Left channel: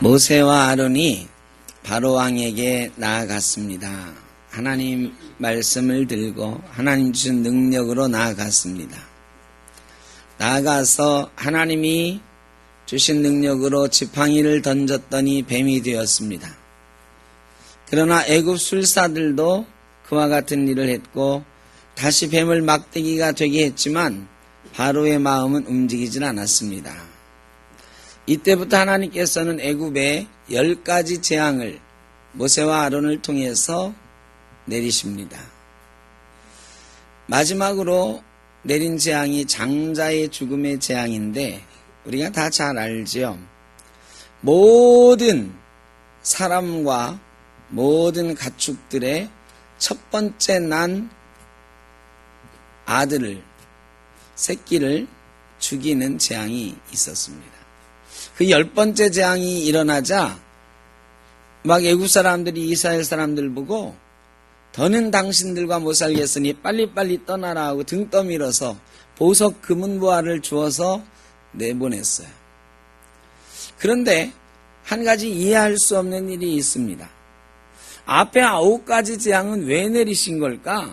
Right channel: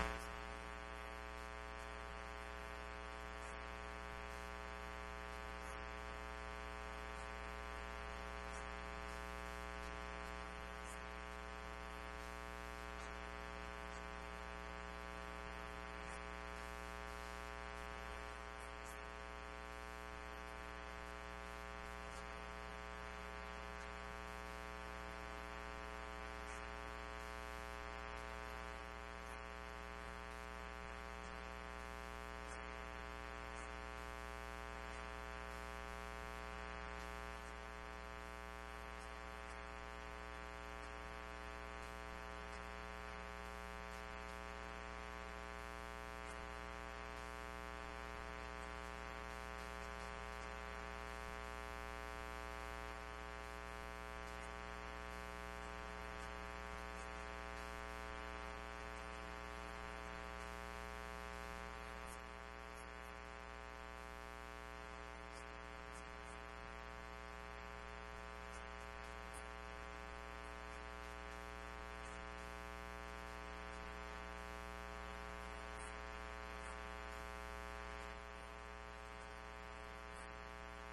모세와 아론이 바로 왕에게 나아갔습니다. 하나님 말씀을 들고 하나님 주신 능력으로 나아갔습니다. 나아가서 하나님이 주신 능력으로 지팡이를 던졌더니 뱀이 되었습니다. 그러나 애굽 술사들도 그와 같은 일을 했고 다시 뱀을 막대기가 되게 했지만 바로의 마음은 움직이질 않았습니다. 이때부터 하나님께서는 애굽에 10가지 재앙을 모세와 아론을 통해서 내리십니다. 마지막으로 내린 재앙이 장자의 죽음의 재앙인데 우리가 다 잘 알죠. 모든 사람과 모든 가축들의 첫 번째 난 아들을, 새끼를 죽이는 재앙이 있었습니다. 그 10번째 재앙이 일어나자 막 애굽 사람들이 이스라엘 사람들 보고 더는 당신들과 못 살겠으니 빨리빨리 떠나라 하고 등 떠밀어서 보석 금은보화를 주어서 내보냈어요. 그런데 한 가지 이해할 수 없는 일이 있습니다. 앞에 9가지 재앙은 왜 내리신 걸까?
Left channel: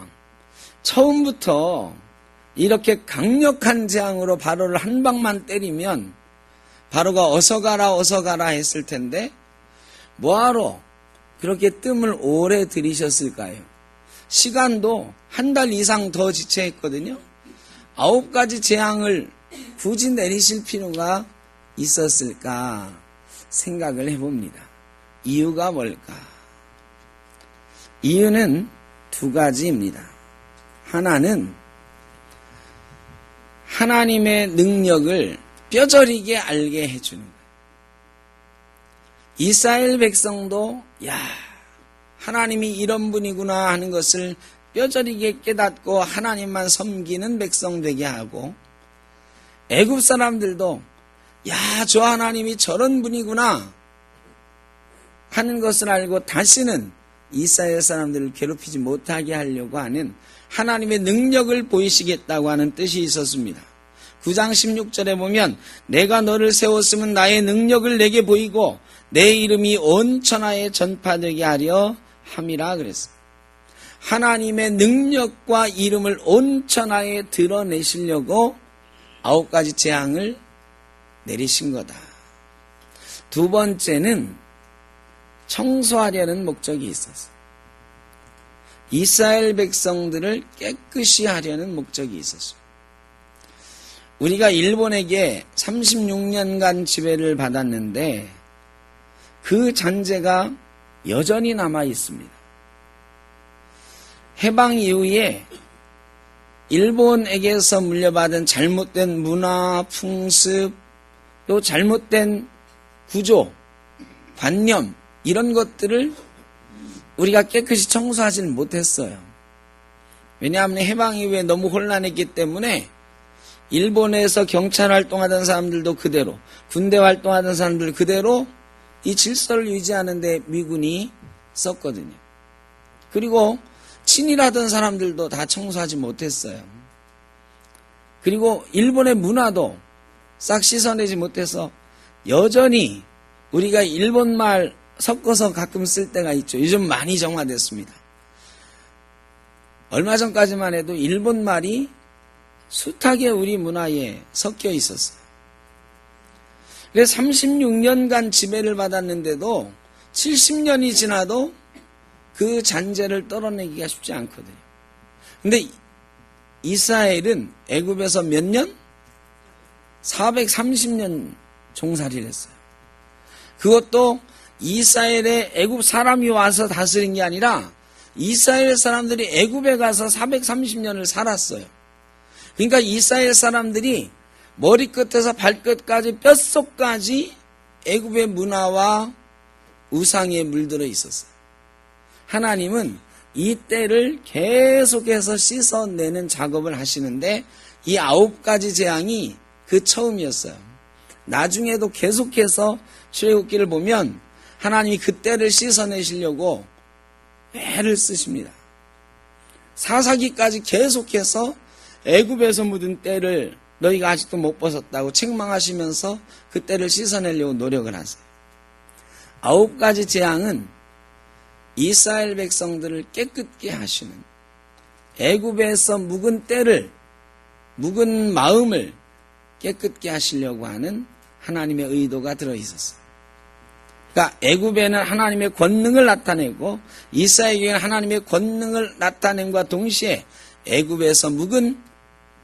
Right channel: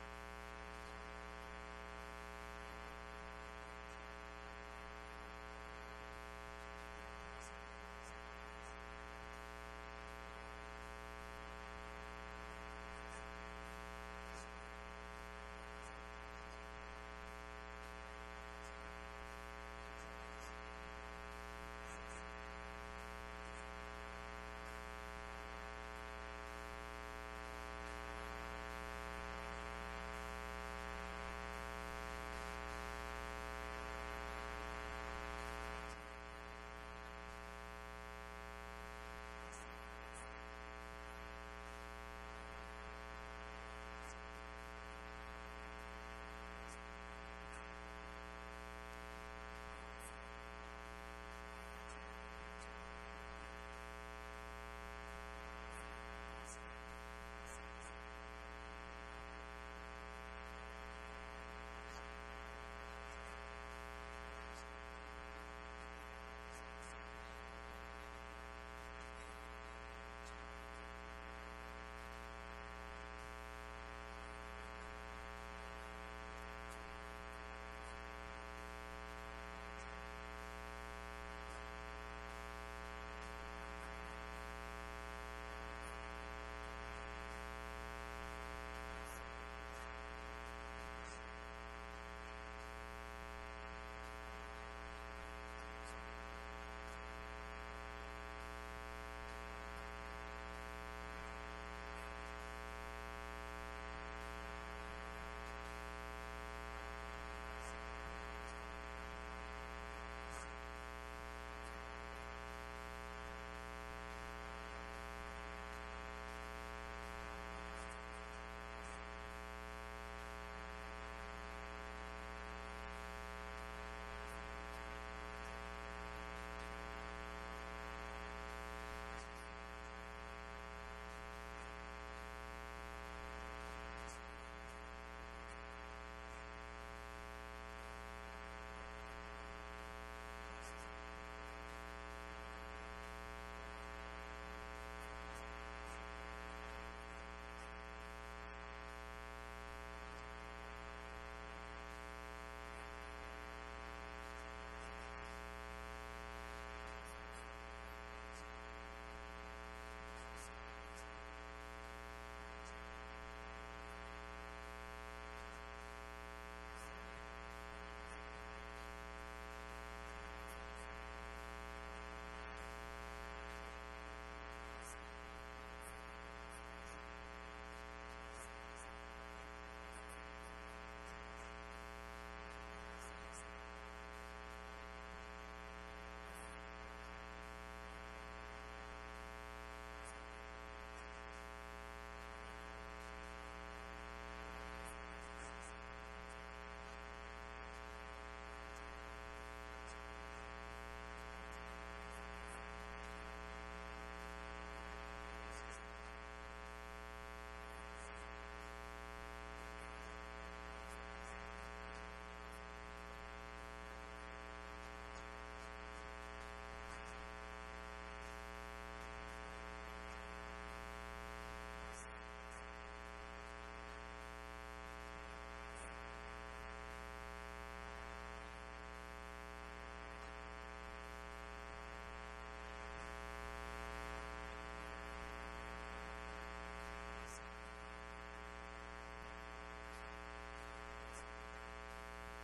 처음부터 이렇게 강력한 재앙으로 바로를 한 방만 때리면 바로가 어서 가라 했을 텐데 뭐하러 그렇게 뜸을 오래 들이셨을까요? 시간도 한 달 이상 더 지체했거든요. 9가지 재앙을 굳이 내리실 필요가 있었을까 생각을 해봅니다. 이유가 뭘까? 이유는 2가지입니다. 하나는 하나님의 능력을 뼈저리게 알게 해주는 거예요. 이스라엘 백성도 하나님이 이런 분이구나 하는 것을 뼈저리게 깨닫고 하나님만 섬기는 백성 되게 하고, 애굽 사람들도 저 하나님이 저런 분이구나 하는 것을 알고 다시는 이스라엘 사람들을 괴롭히지 못하게 하려고 하는 하나님의 능력을 보이시겠다고 하는 뜻이 있었습니다. 9장 16절에 보면 내가 너를 세웠으면 나의 능력을 내게 보이고 내 이름이 온 천하에 전파되게 하려 함이라 그랬습니다. 하나님의 능력과 이름을 온 천하에 드러내시려고 9가지 재앙을 내리신 거다. 2번째는 청소하려는 목적이 있었어요. 이스라엘 백성들을 깨끗이 하려는 목적이 있었어요. 우리가 일본에게 36년간 지배를 받았는데 그 잔재가 여전히 남아 있습니다. 해방 이후에 일본에게서 물려받은 잘못된 문화, 풍습, 또 잘못된 구조, 관념 이런 것들을 우리가 깨끗이 청소하지는 못했어요. 왜냐하면 해방 이후에 너무 혼란했기 때문에 일본에서 경찰 활동하던 사람들도 그대로, 군대 활동하던 사람들 그대로 이 질서를 유지하는 데 미군이 썼거든요. 그리고 친일하던 사람들도 다 청소하지 못했어요. 그리고 일본의 문화도 싹 씻어내지 못해서 여전히 우리가 일본말 섞어서 가끔 쓸 때가 있죠. 요즘 많이 정화됐습니다. 얼마 전까지만 해도 일본말이 숱하게 우리 문화에 섞여 있었어요. 그래서 36년간 지배를 받았는데도 70년이 지나도 그 잔재를 떨어내기가 쉽지 않거든요. 근데 이스라엘은 애굽에서 몇 년? 430년 종살이를 했어요. 그것도 이스라엘에 애굽 사람이 와서 다스린 게 아니라 이스라엘 사람들이 애굽에 가서 430년을 살았어요. 그러니까 이스라엘 사람들이 머리끝에서 발끝까지 뼛속까지 애굽의 문화와 우상에 물들어 있었어요. 하나님은 이 때를 계속해서 씻어내는 작업을 하시는데 이 9가지 재앙이 그 처음이었어요. 나중에도 계속해서 출애굽기를 보면 하나님이 그 때를 씻어내시려고 애를 쓰십니다. 사사기까지 계속해서 애굽에서 묻은 때를 너희가 아직도 못 벗었다고 책망하시면서 그 때를 씻어내려고 노력을 하세요. 9가지 재앙은 이스라엘 백성들을 깨끗게 하시는, 애굽에서 묵은 때를, 묵은 마음을 깨끗게 하시려고 하는 하나님의 의도가 들어있었어요. 그러니까 애굽에는 하나님의 권능을 나타내고 이스라엘에게는 하나님의 권능을 나타냄과 동시에 애굽에서 묵은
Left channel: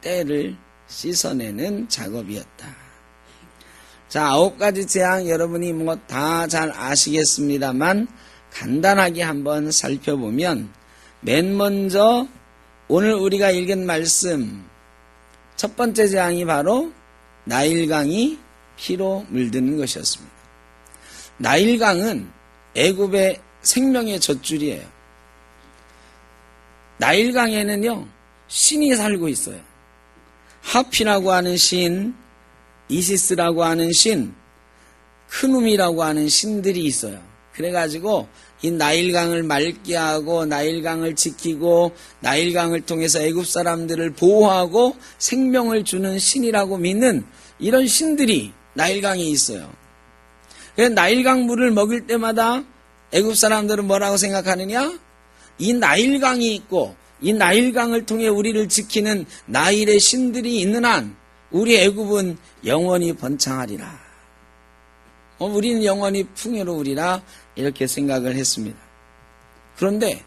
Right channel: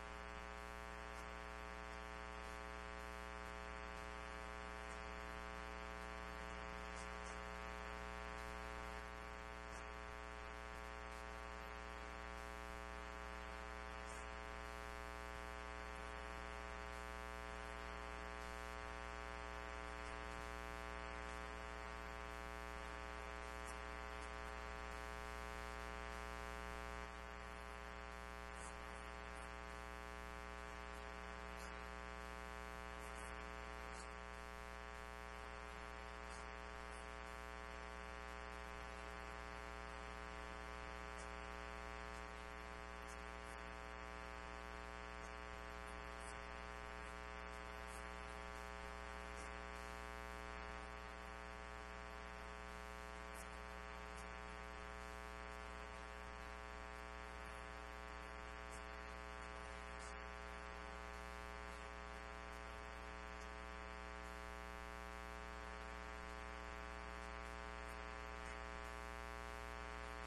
때를 씻어내는 작업이었다. 자, 9가지 재앙 여러분이 뭐 다 잘 아시겠습니다만 간단하게 한번 살펴보면, 맨 먼저 오늘 우리가 읽은 말씀 첫 번째 재앙이 바로 나일강이 피로 물드는 것이었습니다. 나일강은 애굽의 생명의 젖줄이에요. 나일강에는요 신이 살고 있어요. 하피라고 하는 신, 이시스라고 하는 신, 크눔이라고 하는 신들이 있어요. 그래가지고 이 나일강을 맑게 하고 나일강을 지키고 나일강을 통해서 애굽 사람들을 보호하고 생명을 주는 신이라고 믿는 이런 신들이 나일강에 있어요. 그래서 나일강 물을 먹을 때마다 애굽 사람들은 뭐라고 생각하느냐? 이 나일강이 있고 이 나일강을 통해 우리를 지키는 나일의 신들이 있는 한 우리 애굽은 영원히 번창하리라. 우리는 영원히 풍요로우리라, 이렇게 생각을 했습니다. 그런데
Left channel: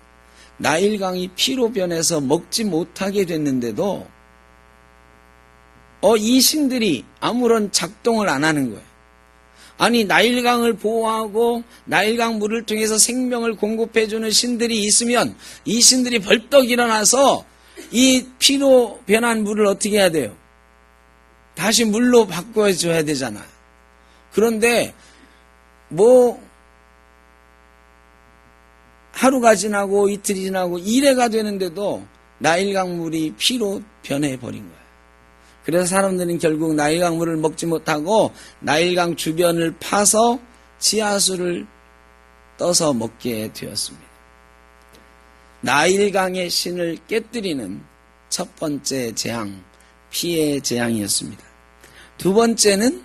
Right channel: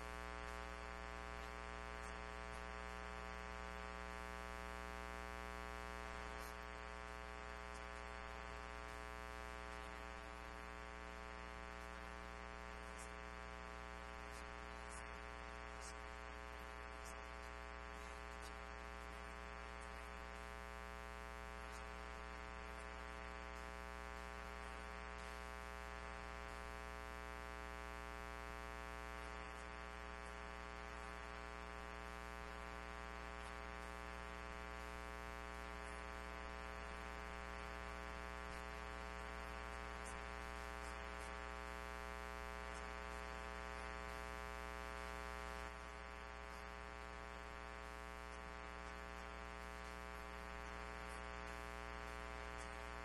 나일강이 피로 변해서 먹지 못하게 됐는데도 이 신들이 아무런 작동을 안 하는 거예요. 아니, 나일강을 보호하고 나일강 물을 통해서 생명을 공급해주는 신들이 있으면 이 신들이 벌떡 일어나서 이 피로 변한 물을 어떻게 해야 돼요? 다시 물로 바꿔줘야 되잖아요. 그런데 하루가 지나고 이틀이 지나고 이래가 되는데도 나일강 물이 피로 변해버린 거예요. 그래서 사람들은 결국 나일강 물을 먹지 못하고 나일강 주변을 파서 지하수를 떠서 먹게 되었습니다. 나일강의 신을 깨뜨리는 첫 번째 재앙, 피의 재앙이었습니다. 두 번째는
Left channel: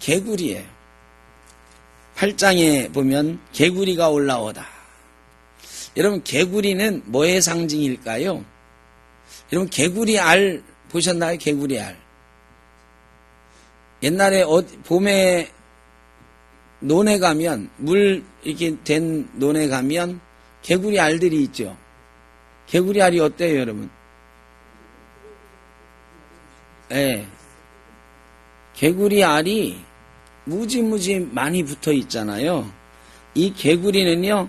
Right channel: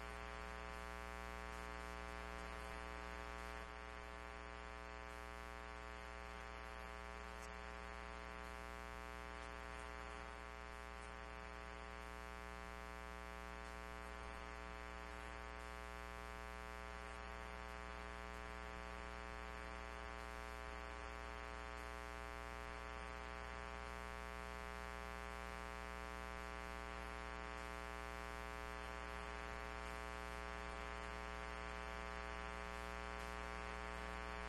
개구리예요. 8장에 보면 개구리가 올라오다. 여러분, 개구리는 뭐의 상징일까요? 여러분, 개구리 알 보셨나요? 개구리 알. 옛날에 봄에 논에 가면, 물 이렇게 된 논에 가면 개구리 알들이 있죠. 개구리 알이 어때요, 여러분? 네. 개구리 알이 무지무지 많이 붙어 있잖아요. 이 개구리는요,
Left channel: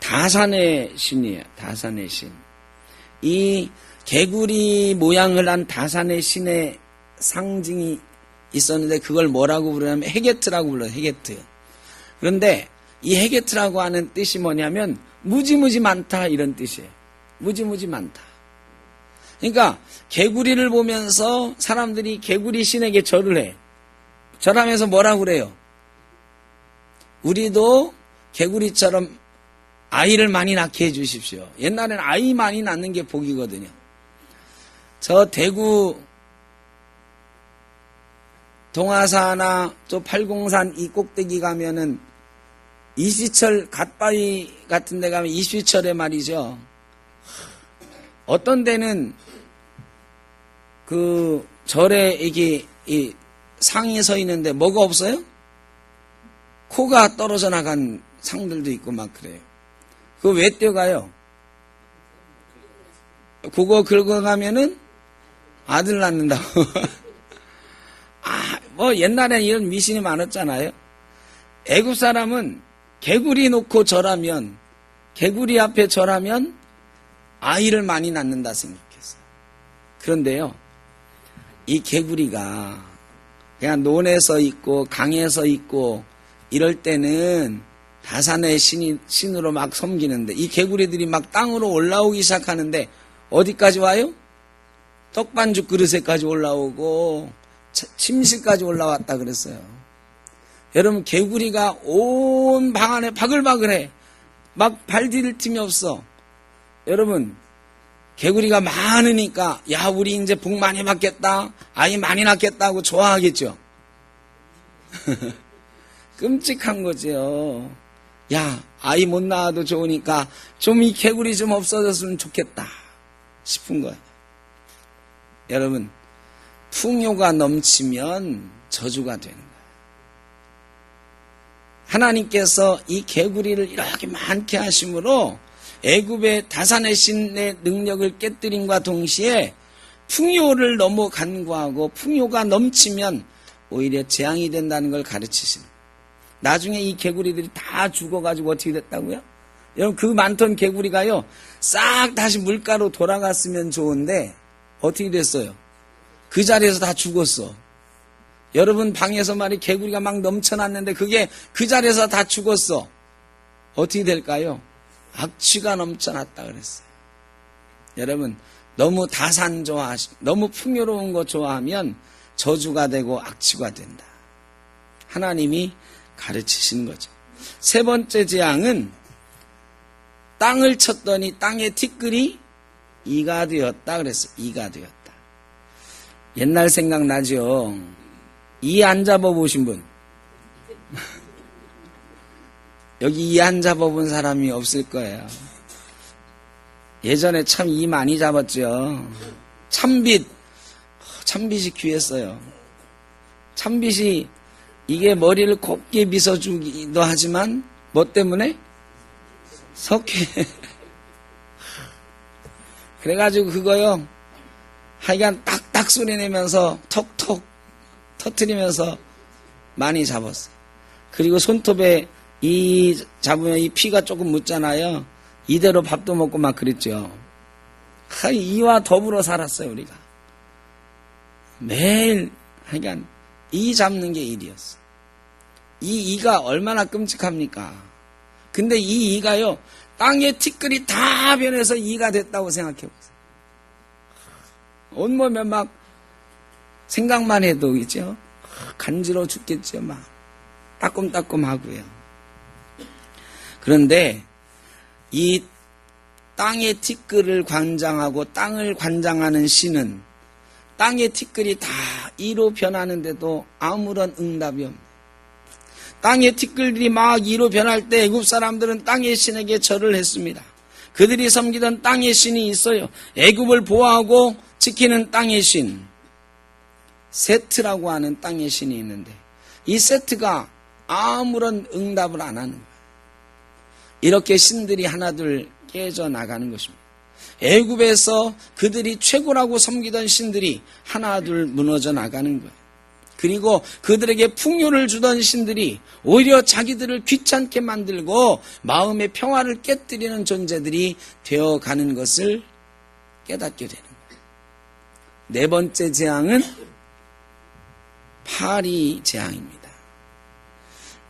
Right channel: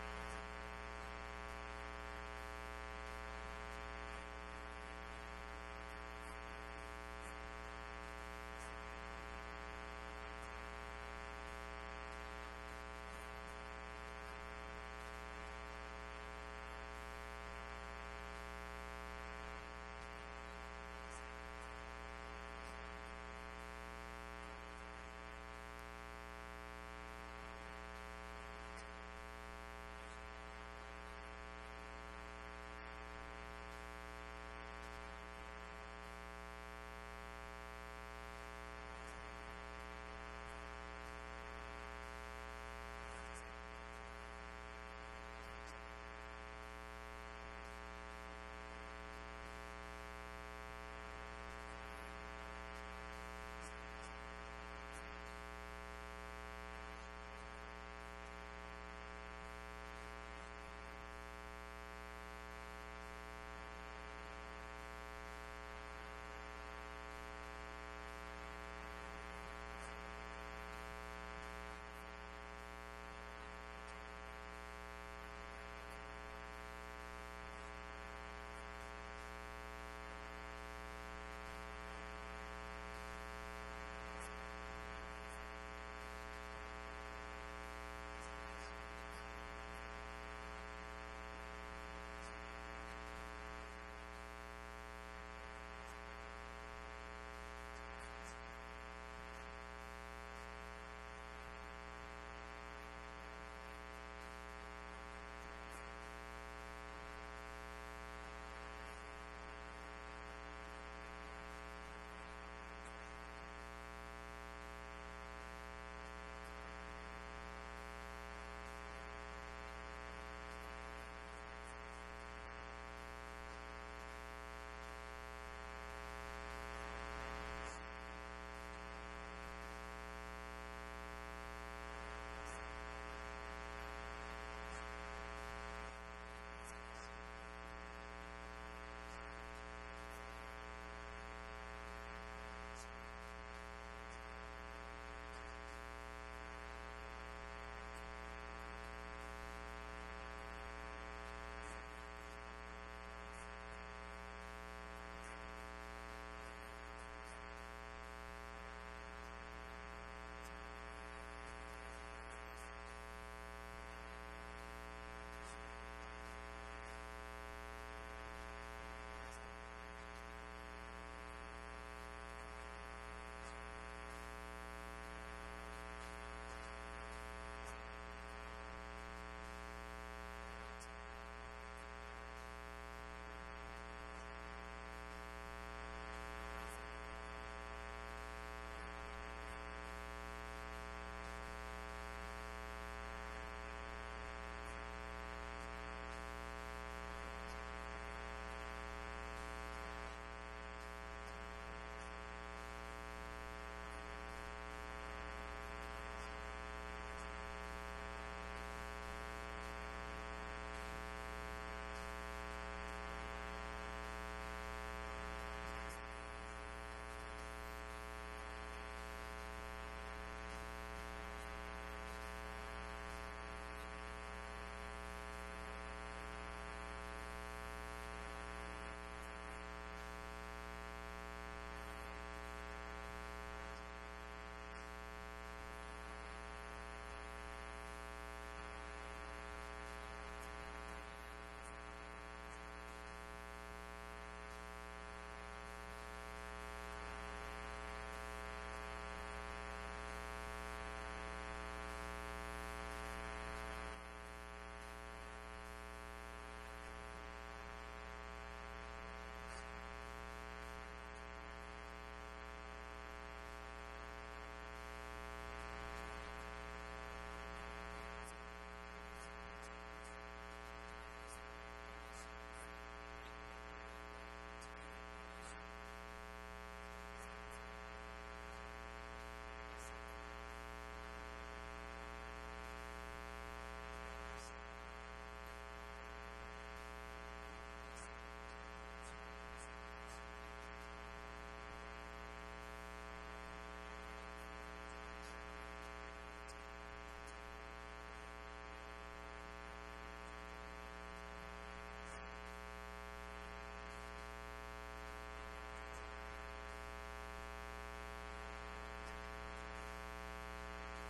다산의 신이에요. 다산의 신. 이 개구리 모양을 한 다산의 신의 상징이 있었는데 그걸 뭐라고 부르냐면 헤게트라고 불러요. 헤게트. 그런데 이 헤게트라고 하는 뜻이 뭐냐면 무지무지 많다, 이런 뜻이에요. 무지무지 많다. 그러니까 개구리를 보면서 사람들이 개구리 신에게 절을 해. 절하면서 뭐라고 그래요? 우리도 개구리처럼 아이를 많이 낳게 해주십시오. 옛날에는 아이 많이 낳는 게 복이거든요. 저 대구 동화사나 또 팔공산 이 꼭대기 가면은 이시철 갓바위 같은 데 가면 이시철에 말이죠. 어떤 데는 그 절에 이게 이 상이 서 있는데 뭐가 없어요? 코가 떨어져 나간 상들도 있고 막 그래요. 그거 왜 뛰어가요? 그거 긁어가면은 아들 낳는다고. 옛날에 이런 미신이 많았잖아요. 애굽 사람은 개구리 놓고 절하면, 개구리 앞에 절하면 아이를 많이 낳는다 생각했어요. 그런데요, 이 개구리가 그냥 논에서 있고 강에서 있고 이럴 때는 다산의 신으로 막 섬기는데, 이 개구리들이 막 땅으로 올라오기 시작하는데 어디까지 와요? 떡반죽 그릇에까지 올라오고 침실까지 올라왔다 그랬어요. 여러분, 개구리가 온 방 안에 바글바글해. 막 발 디딜 틈이 없어. 여러분, 개구리가 많으니까 야, 우리 이제 복 많이 받겠다, 아이 많이 낳겠다 하고 좋아하겠죠. 끔찍한 거죠. 야, 아이 못 낳아도 좋으니까 좀 이 개구리 좀 없어졌으면 좋겠다 싶은 거예요. 여러분, 풍요가 넘치면 저주가 되는 거예요. 하나님께서 이 개구리를 이렇게 많게 하심으로 애굽의 다산의 신의 능력을 깨뜨림과 동시에 풍요를 너무 간구하고 풍요가 넘치면 오히려 재앙이 된다는 걸 가르치십니다. 나중에 이 개구리들이 다 죽어가지고 어떻게 됐다고요? 여러분, 그 많던 개구리가요, 싹 다시 물가로 돌아갔으면 좋은데 어떻게 됐어요? 그 자리에서 다 죽었어. 여러분 방에서 말이 개구리가 막 넘쳐났는데 그게 그 자리에서 다 죽었어. 어떻게 될까요? 악취가 넘쳐났다 그랬어요. 여러분, 너무 다산 너무 풍요로운 거 좋아하면 저주가 되고 악취가 된다. 하나님이 가르치시는 거죠. 세 번째 재앙은 땅을 쳤더니 땅의 티끌이 이가 되었다 그랬어요. 이가 되었다. 옛날 생각나죠? 이 안 잡아보신 분? 여기 이 안 잡아본 사람이 없을 거예요. 예전에 참 이 많이 잡았죠. 참빗이 귀했어요. 참빗이 이게 머리를 곱게 빗어주기도 하지만 뭐 때문에? 석회. 그래가지고 그거요, 하여간 딱딱 소리 내면서 톡톡 터뜨리면서 많이 잡았어요. 그리고 손톱에 이 잡으면 이 피가 조금 묻잖아요. 이대로 밥도 먹고 막 그랬죠. 이와 더불어 살았어요, 우리가. 매일 하여간 이 잡는 게 일이었어요. 이 이가 얼마나 끔찍합니까? 근데 이 이가요, 땅의 티끌이 다 변해서 이가 됐다고 생각해보세요. 온몸에 막 생각만 해도 있죠. 간지러워 죽겠죠. 막 따끔따끔하고요. 그런데 이 땅의 티끌을 관장하고 땅을 관장하는 신은 땅의 티끌이 다 이로 변하는데도 아무런 응답이 없습니다. 땅의 티끌들이 막 이로 변할 때 애굽 사람들은 땅의 신에게 절을 했습니다. 그들이 섬기던 땅의 신이 있어요. 애굽을 보호하고 지키는 땅의 신, 세트라고 하는 땅의 신이 있는데 이 세트가 아무런 응답을 안 하는 거예요. 이렇게 신들이 하나둘 깨져나가는 것입니다. 애굽에서 그들이 최고라고 섬기던 신들이 하나둘 무너져 나가는 거예요. 그리고 그들에게 풍요를 주던 신들이 오히려 자기들을 귀찮게 만들고 마음의 평화를 깨뜨리는 존재들이 되어가는 것을 깨닫게 되는 거예요. 네 번째 재앙은 파리 재앙입니다.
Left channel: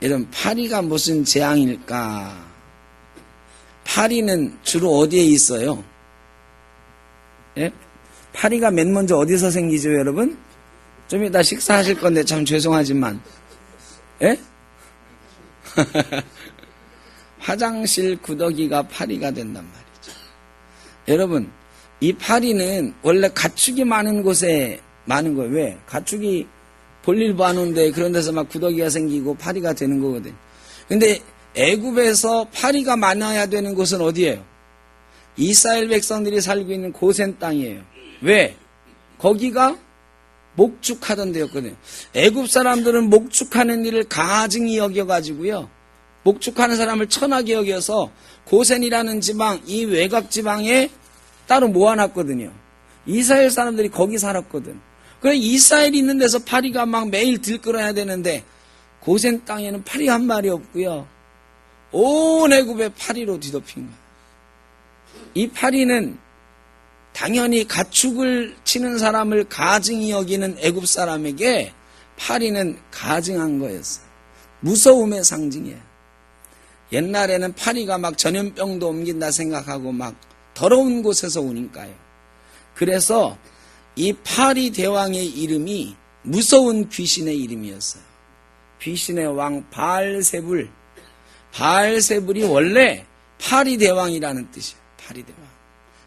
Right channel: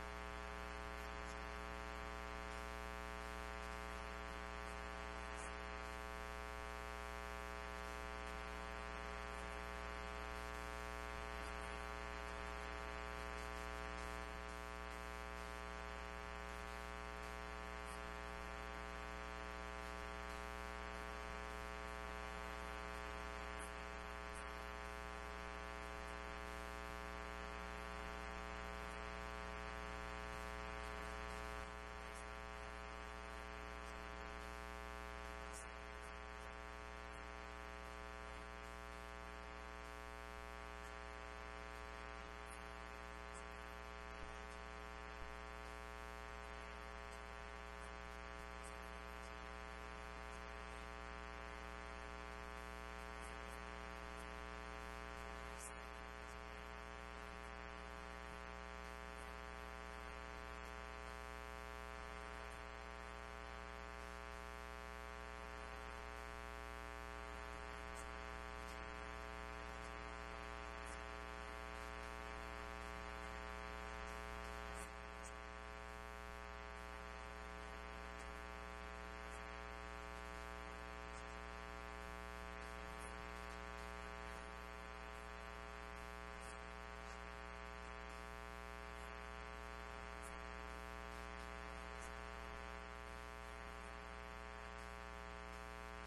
여러분, 파리가 무슨 재앙일까? 파리는 주로 어디에 있어요? 예? 파리가 맨 먼저 어디서 생기죠, 여러분? 좀 이따 식사하실 건데 참 죄송하지만, 예? 화장실 구더기가 파리가 된단 말이죠. 여러분, 이 파리는 원래 가축이 많은 곳에 많은 거예요. 왜? 가축이 볼일 봐놓은데 그런 데서 막 구더기가 생기고 파리가 되는 거거든. 근데 애굽에서 파리가 많아야 되는 곳은 어디예요? 이스라엘 백성들이 살고 있는 고센 땅이에요. 왜? 거기가 목축하던 데였거든요. 애굽 사람들은 목축하는 일을 가증히 여겨가지고요, 목축하는 사람을 천하게 여겨서 고센이라는 지방, 이 외곽 지방에 따로 모아놨거든요. 이스라엘 사람들이 거기 살았거든. 그래, 이스라엘이 있는 데서 파리가 막 매일 들끓어야 되는데 고센 땅에는 파리 한 마리 없고요, 온 애굽에 파리로 뒤덮인 거예요. 이 파리는 당연히 가축을 치는 사람을 가증히 여기는 애굽 사람에게 파리는 가증한 거였어요. 무서움의 상징이에요. 옛날에는 파리가 막 전염병도 옮긴다 생각하고 막 더러운 곳에서 오니까요. 그래서 이 파리 대왕의 이름이 무서운 귀신의 이름이었어요. 귀신의 왕 바알세불. 바알세불이 원래 파리 대왕이라는 뜻이에요. 파리 대왕.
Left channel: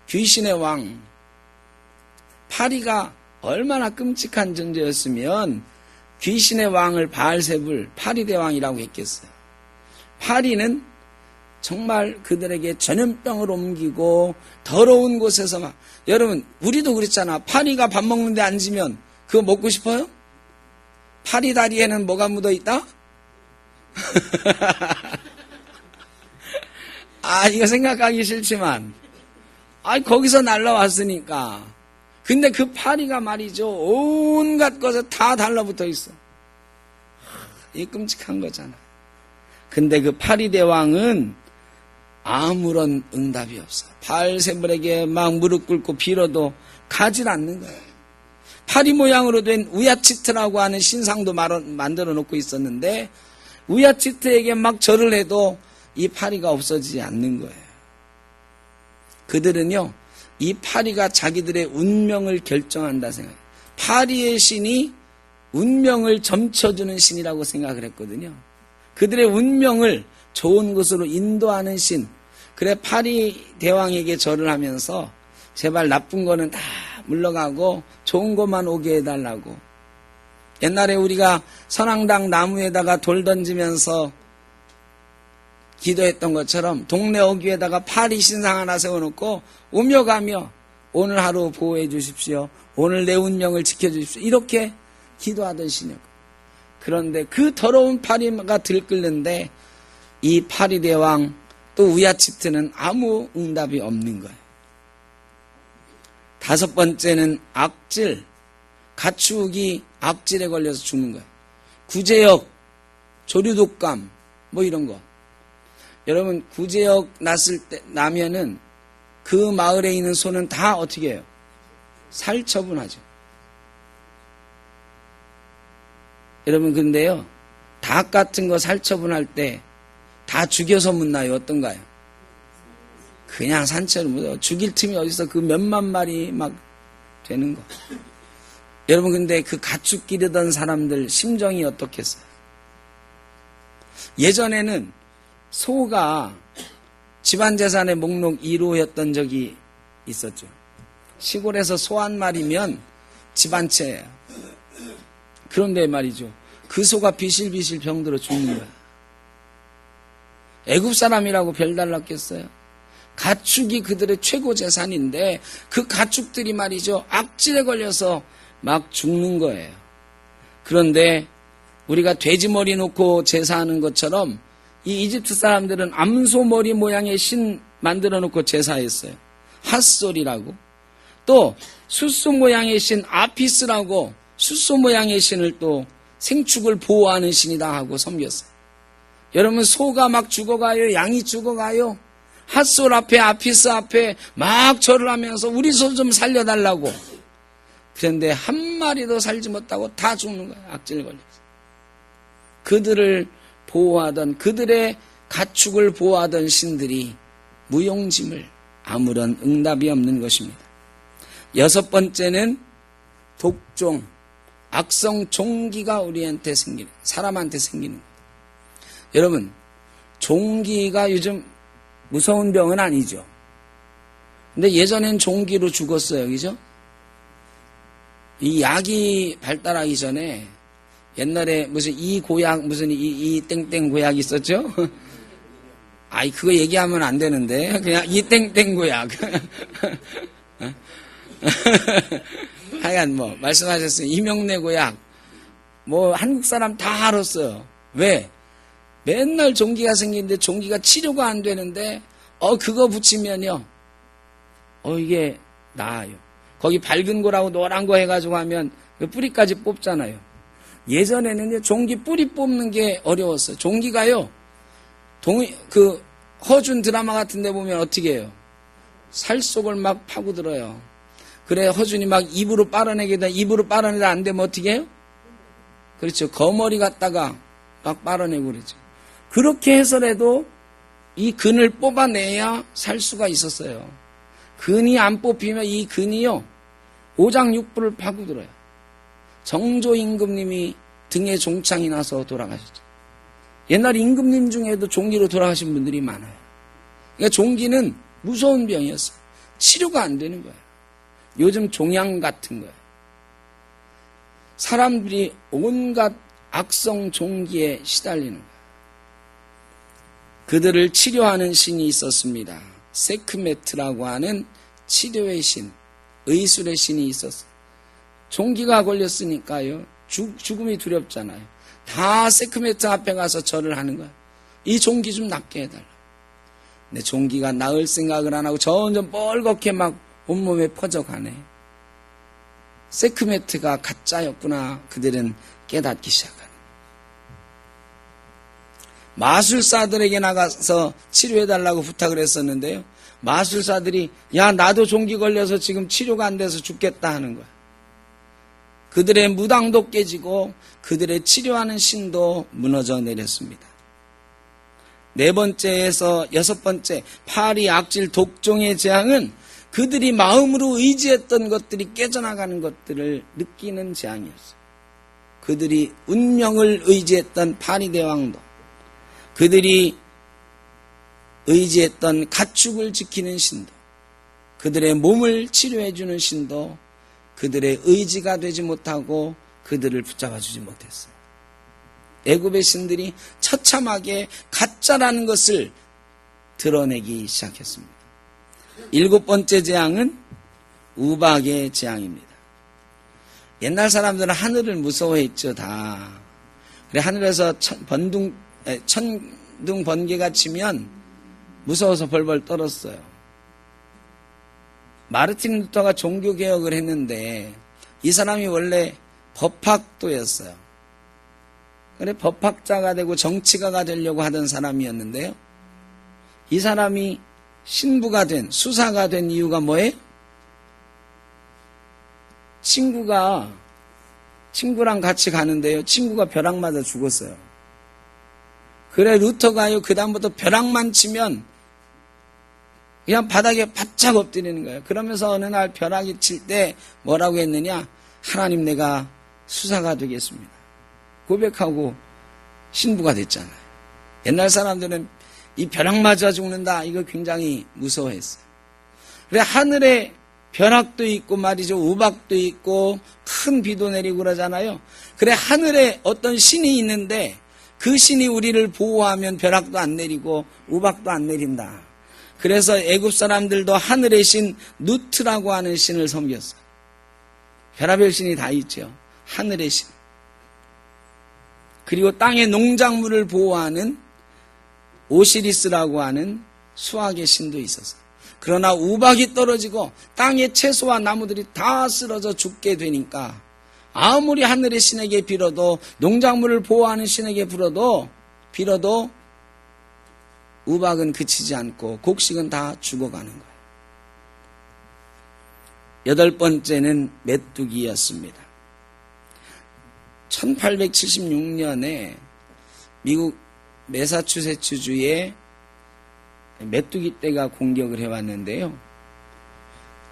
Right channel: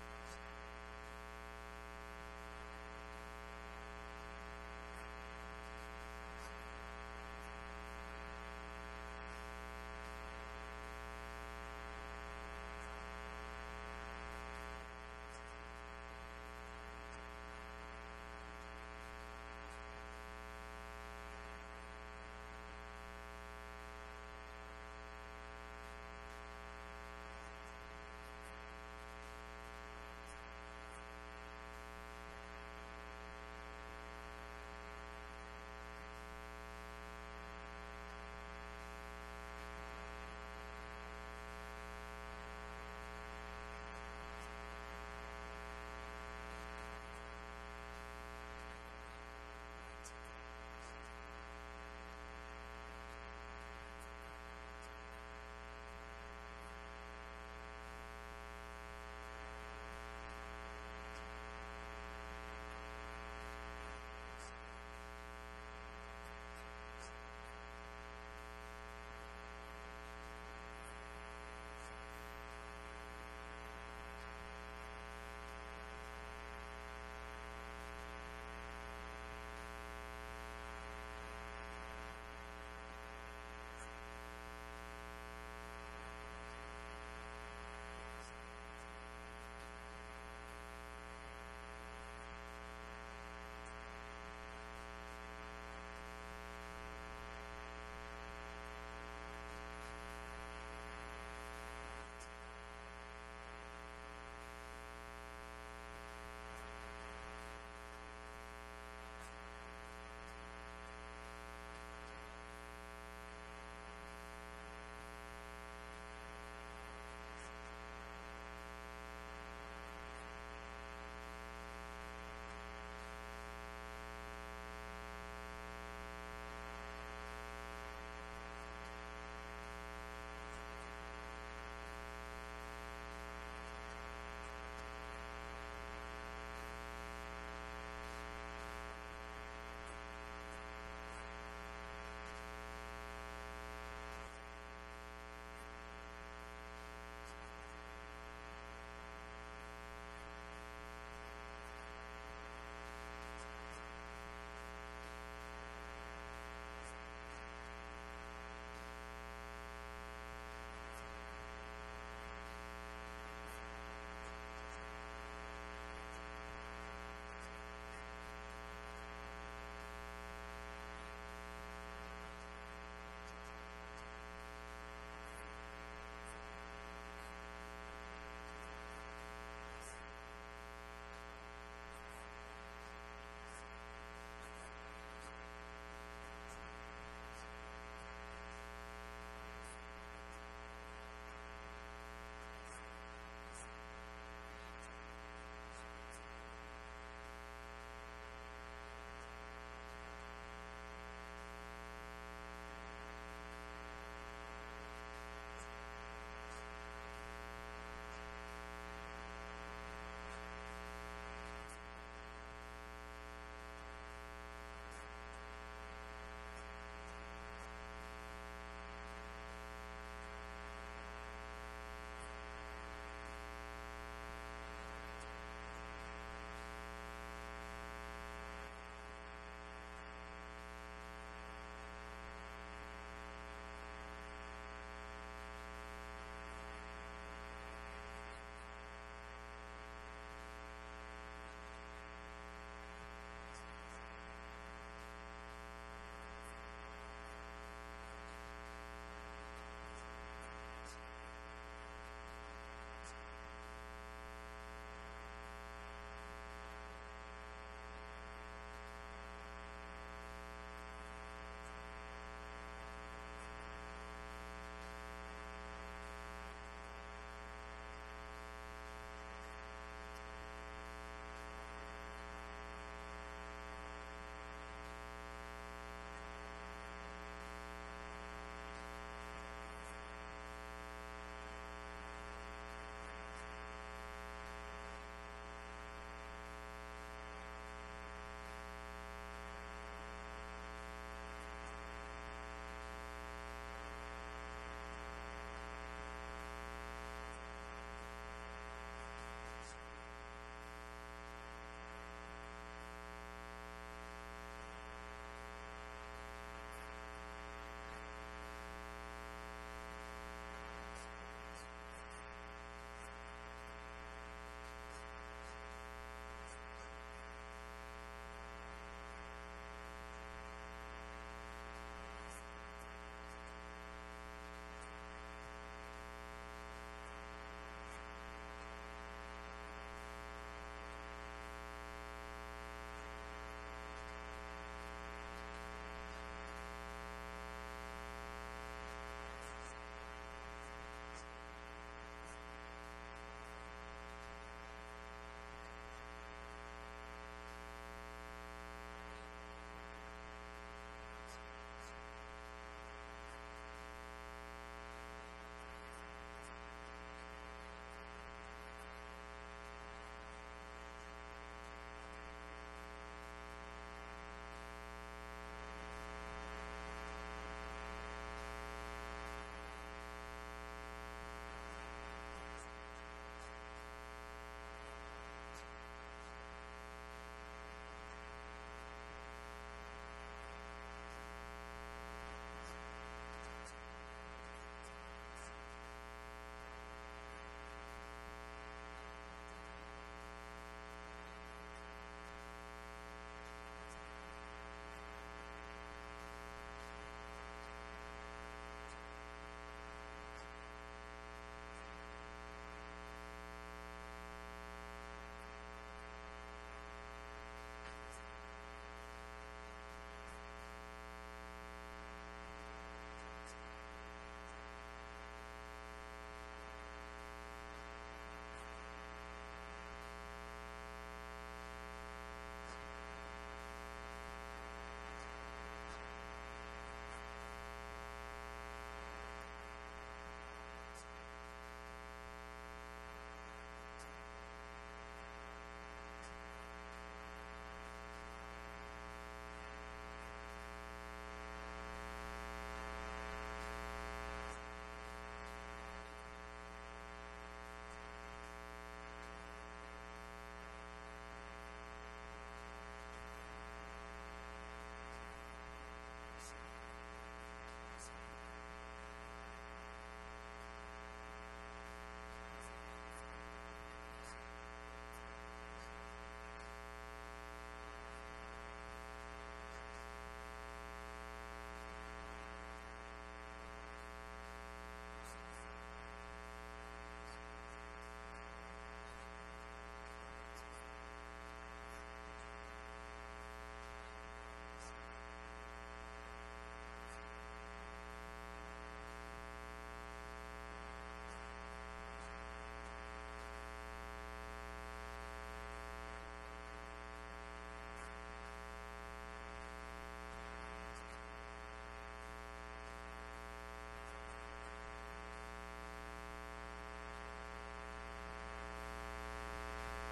귀신의 왕. 파리가 얼마나 끔찍한 존재였으면 귀신의 왕을 바알셉을 파리대왕이라고 했겠어요. 파리는 정말 그들에게 전염병을 옮기고 더러운 곳에서 막, 여러분 우리도 그랬잖아. 파리가 밥 먹는데 앉으면 그거 먹고 싶어요? 파리 다리에는 뭐가 묻어있다? 이거 생각하기 싫지만 거기서 날라왔으니까. 근데 그 파리가 말이죠, 온갖 것에 다 달라붙어 있어. 이 끔찍한 거잖아. 근데 그 파리대왕은 아무런 응답이 없어. 바알세불에게 막 무릎 꿇고 빌어도 가질 않는 거야. 파리 모양으로 된 우야치트라고 하는 신상도 만들어 놓고 있었는데 우야치트에게 막 절을 해도 이 파리가 없어지지 않는 거예요. 그들은요, 이 파리가 자기들의 운명을 결정한다 생각해요. 파리의 신이 운명을 점쳐주는 신이라고 생각을 했거든요. 그들의 운명을 좋은 곳으로 인도하는 신. 그래 파리 대왕에게 절을 하면서 제발 나쁜 거는 다 물러가고 좋은 것만 오게 해달라고. 옛날에 우리가 선앙당 나무에다가 돌 던지면서 기도했던 것처럼 동네 어귀에다가 파리 신상 하나 세워놓고 오며 가며 오늘 하루 보호해 주십시오. 오늘 내 운명을 지켜주십시오. 이렇게 기도하던 신이요. 그런데 그 더러운 파리가 들끓는데 이 파리대왕 또 우야치트는 아무 응답이 없는 거예요. 다섯 번째는 악질. 가축이 악질에 걸려서 죽는 거예요. 구제역, 조류독감 뭐 이런 거. 여러분 구제역 나면은 그 마을에 있는 소는 다 어떻게 해요? 살처분하죠. 여러분 근데요, 닭 같은 거 살처분할 때 다 죽여서 묻나요? 어떤가요? 그냥 산채로 묻어요. 죽일 틈이 어디서 그 몇만 마리 막 되는 거. 여러분 근데 그 가축 기르던 사람들 심정이 어떻겠어요? 예전에는 소가 집안재산의 목록 1호였던 적이 있었죠. 시골에서 소 한 마리면 집안채예요. 그런데 말이죠, 그 소가 비실비실 병들어 죽는 거야. 애굽 사람이라고 별달랐겠어요? 가축이 그들의 최고 재산인데 그 가축들이 말이죠, 악질에 걸려서 막 죽는 거예요. 그런데 우리가 돼지 머리 놓고 제사하는 것처럼 이 이집트 사람들은 암소 머리 모양의 신 만들어 놓고 제사했어요. 핫솔이라고. 또 숫소 모양의 신 아피스라고 숫소 모양의 신을 또 생축을 보호하는 신이다 하고 섬겼어요. 여러분 소가 막 죽어가요, 양이 죽어가요. 핫솔 앞에 아피스 앞에 막 절을 하면서 우리 소 좀 살려달라고. 그런데 한 마리도 살지 못하고 다 죽는 거예요. 악질 걸려서. 그들을 보호하던, 그들의 가축을 보호하던 신들이 무용지물, 아무런 응답이 없는 것입니다. 여섯 번째는 독종, 악성 종기가 우리한테 생기는, 사람한테 생기는 거예요. 여러분 종기가 요즘 무서운 병은 아니죠. 근데 예전엔 종기로 죽었어요. 그죠? 이 약이 발달하기 전에 옛날에 무슨 이 고약, 무슨 이 땡땡 고약 있었죠? 그거 얘기하면 안 되는데. 그냥 이 땡땡 고약. 하여간 뭐, 말씀하셨어요. 이명래 고약. 뭐, 한국 사람 다 알았어요. 왜? 맨날 종기가 생기는데 종기가 치료가 안 되는데, 그거 붙이면요. 이게 나아요. 거기 밝은 거라고 노란 거 해가지고 하면 그 뿌리까지 뽑잖아요. 예전에는 종기 뿌리 뽑는 게 어려웠어요. 종기가요, 그 허준 드라마 같은 데 보면 어떻게 해요? 살 속을 막 파고들어요. 그래, 허준이 막 입으로 빨아내다 안 되면 어떻게 해요? 그렇죠. 거머리 갖다가 막 빨아내고 그러죠. 그렇게 해서라도 이 근을 뽑아내야 살 수가 있었어요. 근이 안 뽑히면 이 근이요, 오장육부를 파고들어요. 정조 임금님이 등에 종창이 나서 돌아가셨죠. 옛날 임금님 중에도 종기로 돌아가신 분들이 많아요. 그러니까 종기는 무서운 병이었어요. 치료가 안 되는 거예요. 요즘 종양 같은 거예요. 사람들이 온갖 악성 종기에 시달리는 거예요. 그들을 치료하는 신이 있었습니다. 세크메트라고 하는 치료의 신, 의술의 신이 있었어요. 종기가 걸렸으니까요. 죽음이 두렵잖아요. 다 세크메트 앞에 가서 절을 하는 거예요. 이 종기 좀 낫게 해달라. 근데 종기가 나을 생각을 안 하고 점점 뻘겋게 막 온몸에 퍼져가네. 세크메트가 가짜였구나. 그들은 깨닫기 시작하네. 마술사들에게 나가서 치료해달라고 부탁을 했었는데요. 마술사들이 야 나도 종기 걸려서 지금 치료가 안 돼서 죽겠다 하는 거야. 그들의 무당도 깨지고 그들의 치료하는 신도 무너져 내렸습니다. 네 번째에서 여섯 번째 파리 악질 독종의 재앙은 그들이 마음으로 의지했던 것들이 깨져나가는 것들을 느끼는 재앙이었어요. 그들이 운명을 의지했던 파리 대왕도, 그들이 의지했던 가축을 지키는 신도, 그들의 몸을 치료해주는 신도 그들의 의지가 되지 못하고 그들을 붙잡아주지 못했어요. 애굽의 신들이 처참하게 가짜라는 것을 드러내기 시작했습니다. 일곱 번째 재앙은 우박의 재앙입니다. 옛날 사람들은 하늘을 무서워했죠, 다. 그래, 하늘에서 천둥 번개가 치면 무서워서 벌벌 떨었어요. 마르틴 루터가 종교개혁을 했는데 이 사람이 원래 법학도였어요. 그래, 법학자가 되고 정치가가 되려고 하던 사람이었는데요. 이 사람이 신부가 된, 수사가 된 이유가 뭐예요? 친구랑 같이 가는데요. 친구가 벼락 맞아 죽었어요. 그래, 루터가요, 그다음부터 벼락만 치면 그냥 바닥에 바짝 엎드리는 거예요. 그러면서 어느 날 벼락이 칠 때 뭐라고 했느냐? 하나님, 내가 수사가 되겠습니다. 고백하고 신부가 됐잖아요. 옛날 사람들은 이 벼락 맞아 죽는다, 이거 굉장히 무서워했어요. 그래, 하늘에 벼락도 있고 말이죠, 우박도 있고 큰 비도 내리고 그러잖아요. 그래, 하늘에 어떤 신이 있는데 그 신이 우리를 보호하면 벼락도 안 내리고 우박도 안 내린다. 그래서 애굽 사람들도 하늘의 신 누트라고 하는 신을 섬겼어요. 별의별 신이 다 있죠. 하늘의 신. 그리고 땅의 농작물을 보호하는 오시리스라고 하는 수학의 신도 있었어요. 그러나 우박이 떨어지고 땅의 채소와 나무들이 다 쓰러져 죽게 되니까 아무리 하늘의 신에게 빌어도, 농작물을 보호하는 신에게 빌어도 우박은 그치지 않고 곡식은 다 죽어가는 거예요. 여덟 번째는 메뚜기였습니다. 1876년에 미국 매사추세츠주에 메뚜기 떼가 공격을 해왔는데요.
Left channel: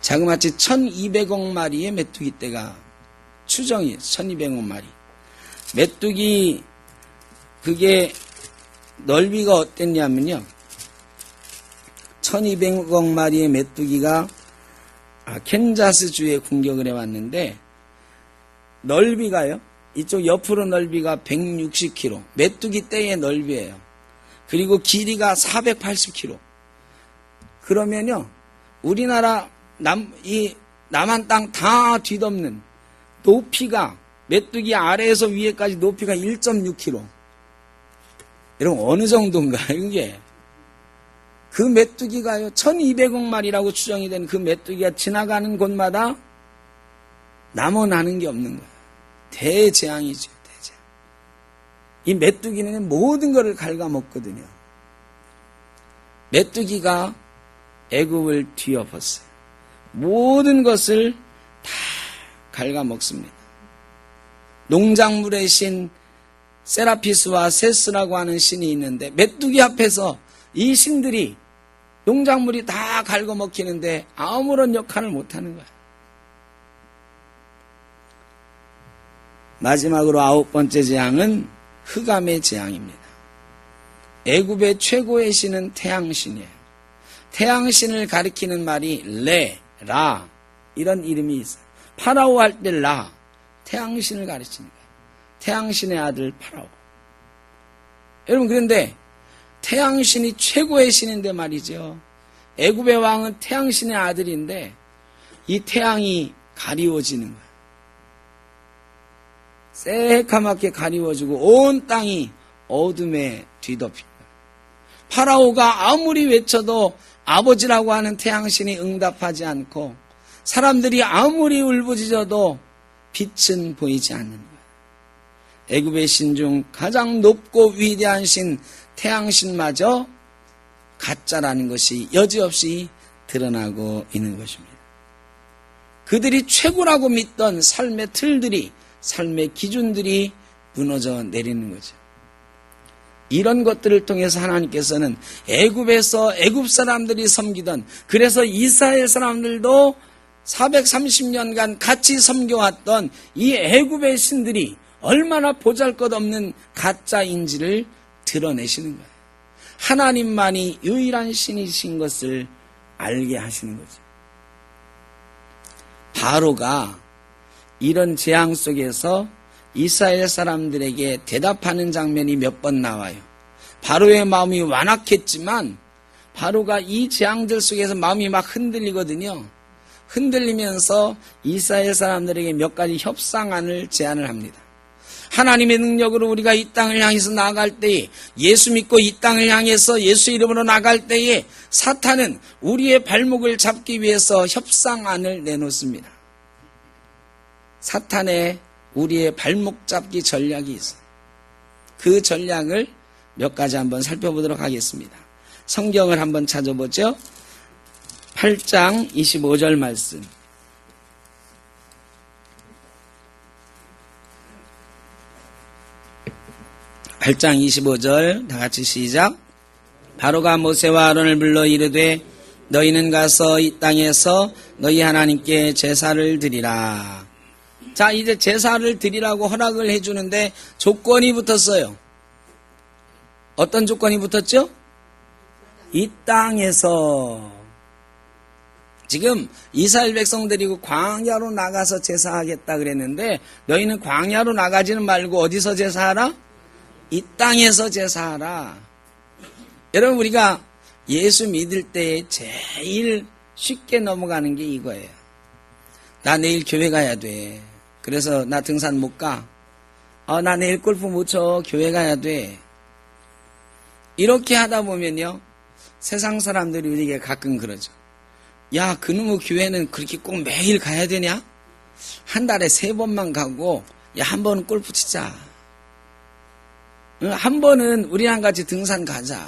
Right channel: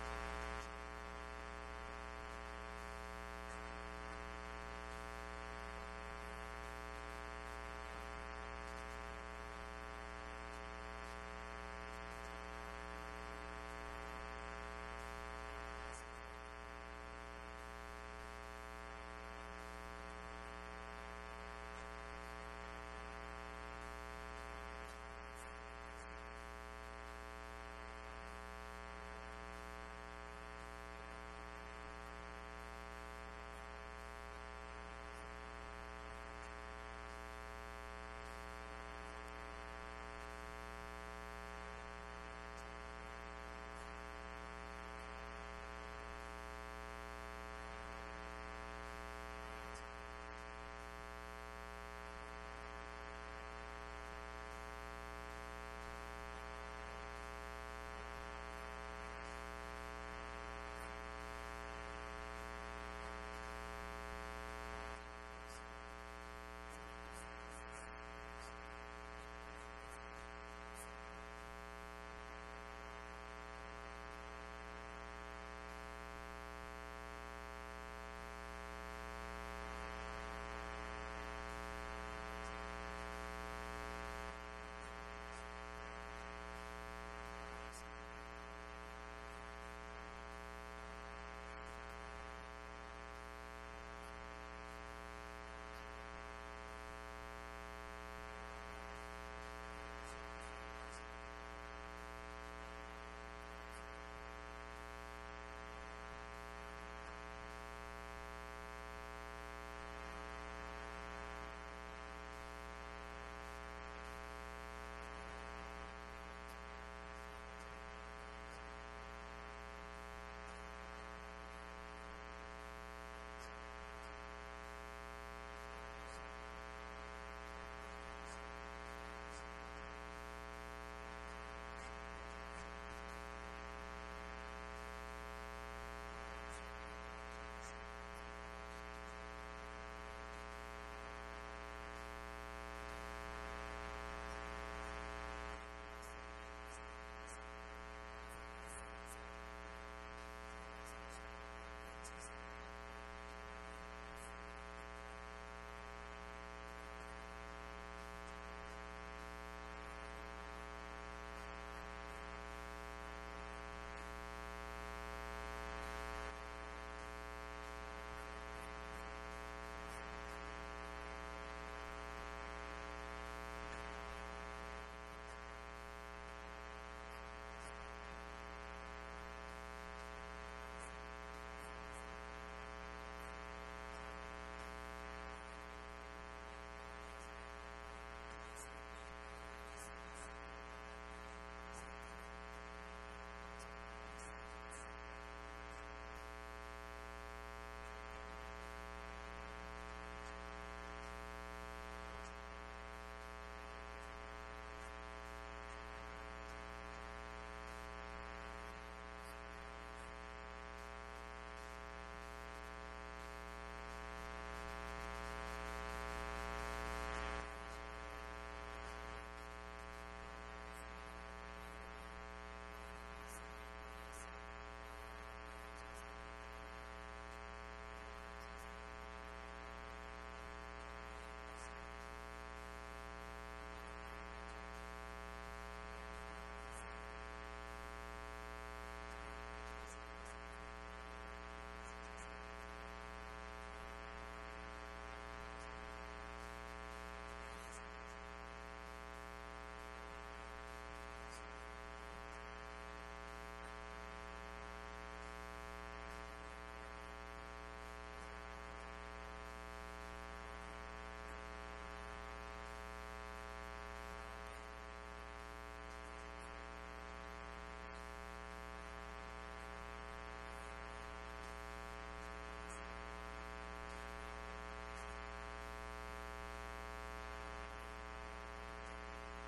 자그마치 1200억 마리의 메뚜기 떼가 추정이 1200억 마리. 메뚜기 그게 넓이가 어땠냐면요. 1200억 마리의 메뚜기가 캔자스주에 공격을 해왔는데 넓이가요. 이쪽 옆으로 넓이가 160km. 메뚜기 떼의 넓이에요. 그리고 길이가 480km. 그러면요. 우리나라 남한 땅 다 뒤덮는 높이가 메뚜기 아래에서 위에까지 높이가 1.6km. 여러분 어느 정도인가요 이게? 그 메뚜기가요 1200억 마리라고 추정이 된 그 메뚜기가 지나가는 곳마다 남아나는 게 없는 거예요. 대재앙이죠. 대재앙. 이 메뚜기는 모든 것을 갉아먹거든요. 메뚜기가 애굽을 뒤엎었어요. 모든 것을 다 갉아먹습니다. 농작물의 신 세라피스와 세스라고 하는 신이 있는데 메뚜기 앞에서 이 신들이 농작물이 다 갉아먹히는데 아무런 역할을 못하는 거야. 마지막으로 아홉 번째 재앙은 흑암의 재앙입니다. 애굽의 최고의 신은 태양신이에요. 태양신을 가리키는 말이 레, 라 이런 이름이 있어요. 파라오 할 때 라, 태양신을 가르칩니다. 태양신의 아들 파라오. 여러분, 그런데 태양신이 최고의 신인데 말이죠. 애굽의 왕은 태양신의 아들인데 이 태양이 가리워지는 거예요. 새까맣게 가리워지고 온 땅이 어둠에 뒤덮입니다. 파라오가 아무리 외쳐도 아버지라고 하는 태양신이 응답하지 않고 사람들이 아무리 울부짖어도 빛은 보이지 않는 거예요. 애굽의 신 중 가장 높고 위대한 신 태양신마저 가짜라는 것이 여지없이 드러나고 있는 것입니다. 그들이 최고라고 믿던 삶의 틀들이, 삶의 기준들이 무너져 내리는 거죠. 이런 것들을 통해서 하나님께서는 애굽에서 애굽 사람들이 섬기던, 그래서 이스라엘 사람들도 430년간 같이 섬겨왔던 이 애굽의 신들이 얼마나 보잘것없는 가짜인지를 드러내시는 거예요. 하나님만이 유일한 신이신 것을 알게 하시는 거죠. 바로가 이런 재앙 속에서 이스라엘 사람들에게 대답하는 장면이 몇 번 나와요. 바로의 마음이 완악했지만 바로가 이 재앙들 속에서 마음이 막 흔들리거든요. 흔들리면서 이스라엘 사람들에게 몇 가지 협상안을 제안을 합니다. 하나님의 능력으로 우리가 이 땅을 향해서 나아갈 때에, 예수 믿고 이 땅을 향해서 예수 이름으로 나갈 때에 사탄은 우리의 발목을 잡기 위해서 협상안을 내놓습니다. 사탄의 우리의 발목 잡기 전략이 있어요. 그 전략을 몇 가지 한번 살펴보도록 하겠습니다. 성경을 한번 찾아보죠. 8장 25절 말씀. 8장 25절 다 같이 시작. 바로가 모세와 아론을 불러 이르되 너희는 가서 이 땅에서 너희 하나님께 제사를 드리라. 자, 이제 제사를 드리라고 허락을 해주는데 조건이 붙었어요. 어떤 조건이 붙었죠? 이 땅에서. 지금 이스라엘 백성 데리고 광야로 나가서 제사하겠다 그랬는데 너희는 광야로 나가지는 말고 어디서 제사하라? 이 땅에서 제사하라. 여러분, 우리가 예수 믿을 때 제일 쉽게 넘어가는 게 이거예요. 나 내일 교회 가야 돼. 그래서 나 등산 못 가. 나 내일 골프 못 쳐. 교회 가야 돼. 이렇게 하다 보면요, 세상 사람들이 우리에게 가끔 그러죠. 야, 그놈의 교회는 그렇게 꼭 매일 가야 되냐? 한 달에 3번만 가고, 야, 한 번은 골프 치자. 한 번은 우리랑 같이 등산 가자.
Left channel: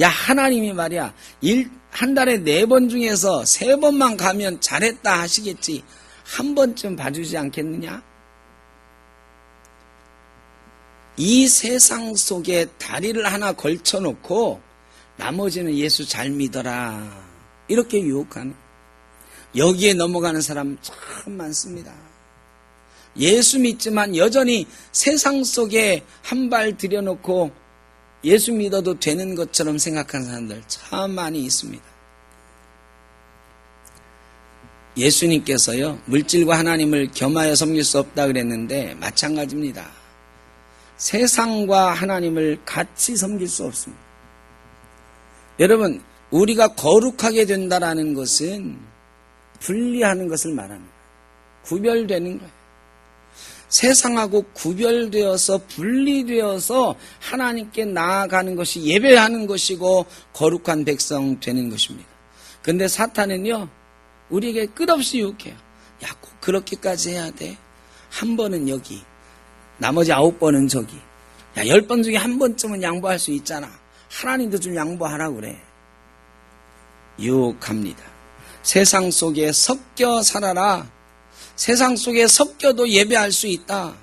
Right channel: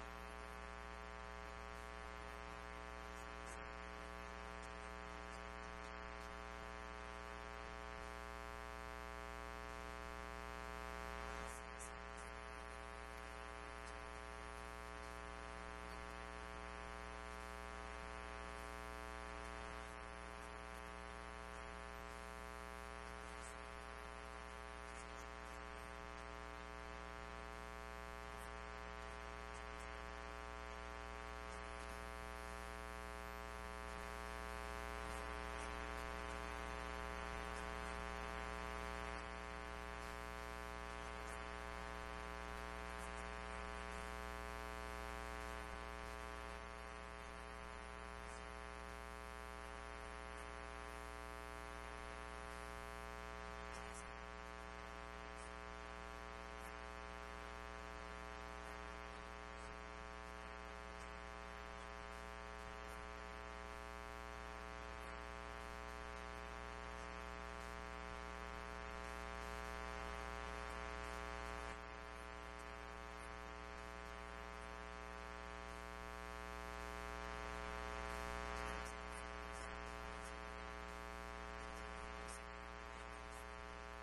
야, 하나님이 말이야, 한 달에 4번 중에서 3번만 가면 잘했다 하시겠지. 한 번쯤 봐주지 않겠느냐? 이 세상 속에 다리를 하나 걸쳐놓고 나머지는 예수 잘 믿어라. 이렇게 유혹하는, 여기에 넘어가는 사람 참 많습니다. 예수 믿지만 여전히 세상 속에 한 발 들여놓고 예수 믿어도 되는 것처럼 생각하는 사람들 참 많이 있습니다. 예수님께서요, 물질과 하나님을 겸하여 섬길 수 없다 그랬는데 마찬가지입니다. 세상과 하나님을 같이 섬길 수 없습니다. 여러분, 우리가 거룩하게 된다라는 것은 분리하는 것을 말합니다. 구별되는 거예요. 세상하고 구별되어서 분리되어서 하나님께 나아가는 것이 예배하는 것이고 거룩한 백성 되는 것입니다. 그런데 사탄은요, 우리에게 끝없이 유혹해요. 야, 꼭 그렇게까지 해야 돼. 한 번은 여기, 나머지 9번은 저기. 야, 10번 중에 한 번쯤은 양보할 수 있잖아. 하나님도 좀 양보하라고 그래. 유혹합니다. 세상 속에 섞여 살아라. 세상 속에 섞여도 예배할 수 있다.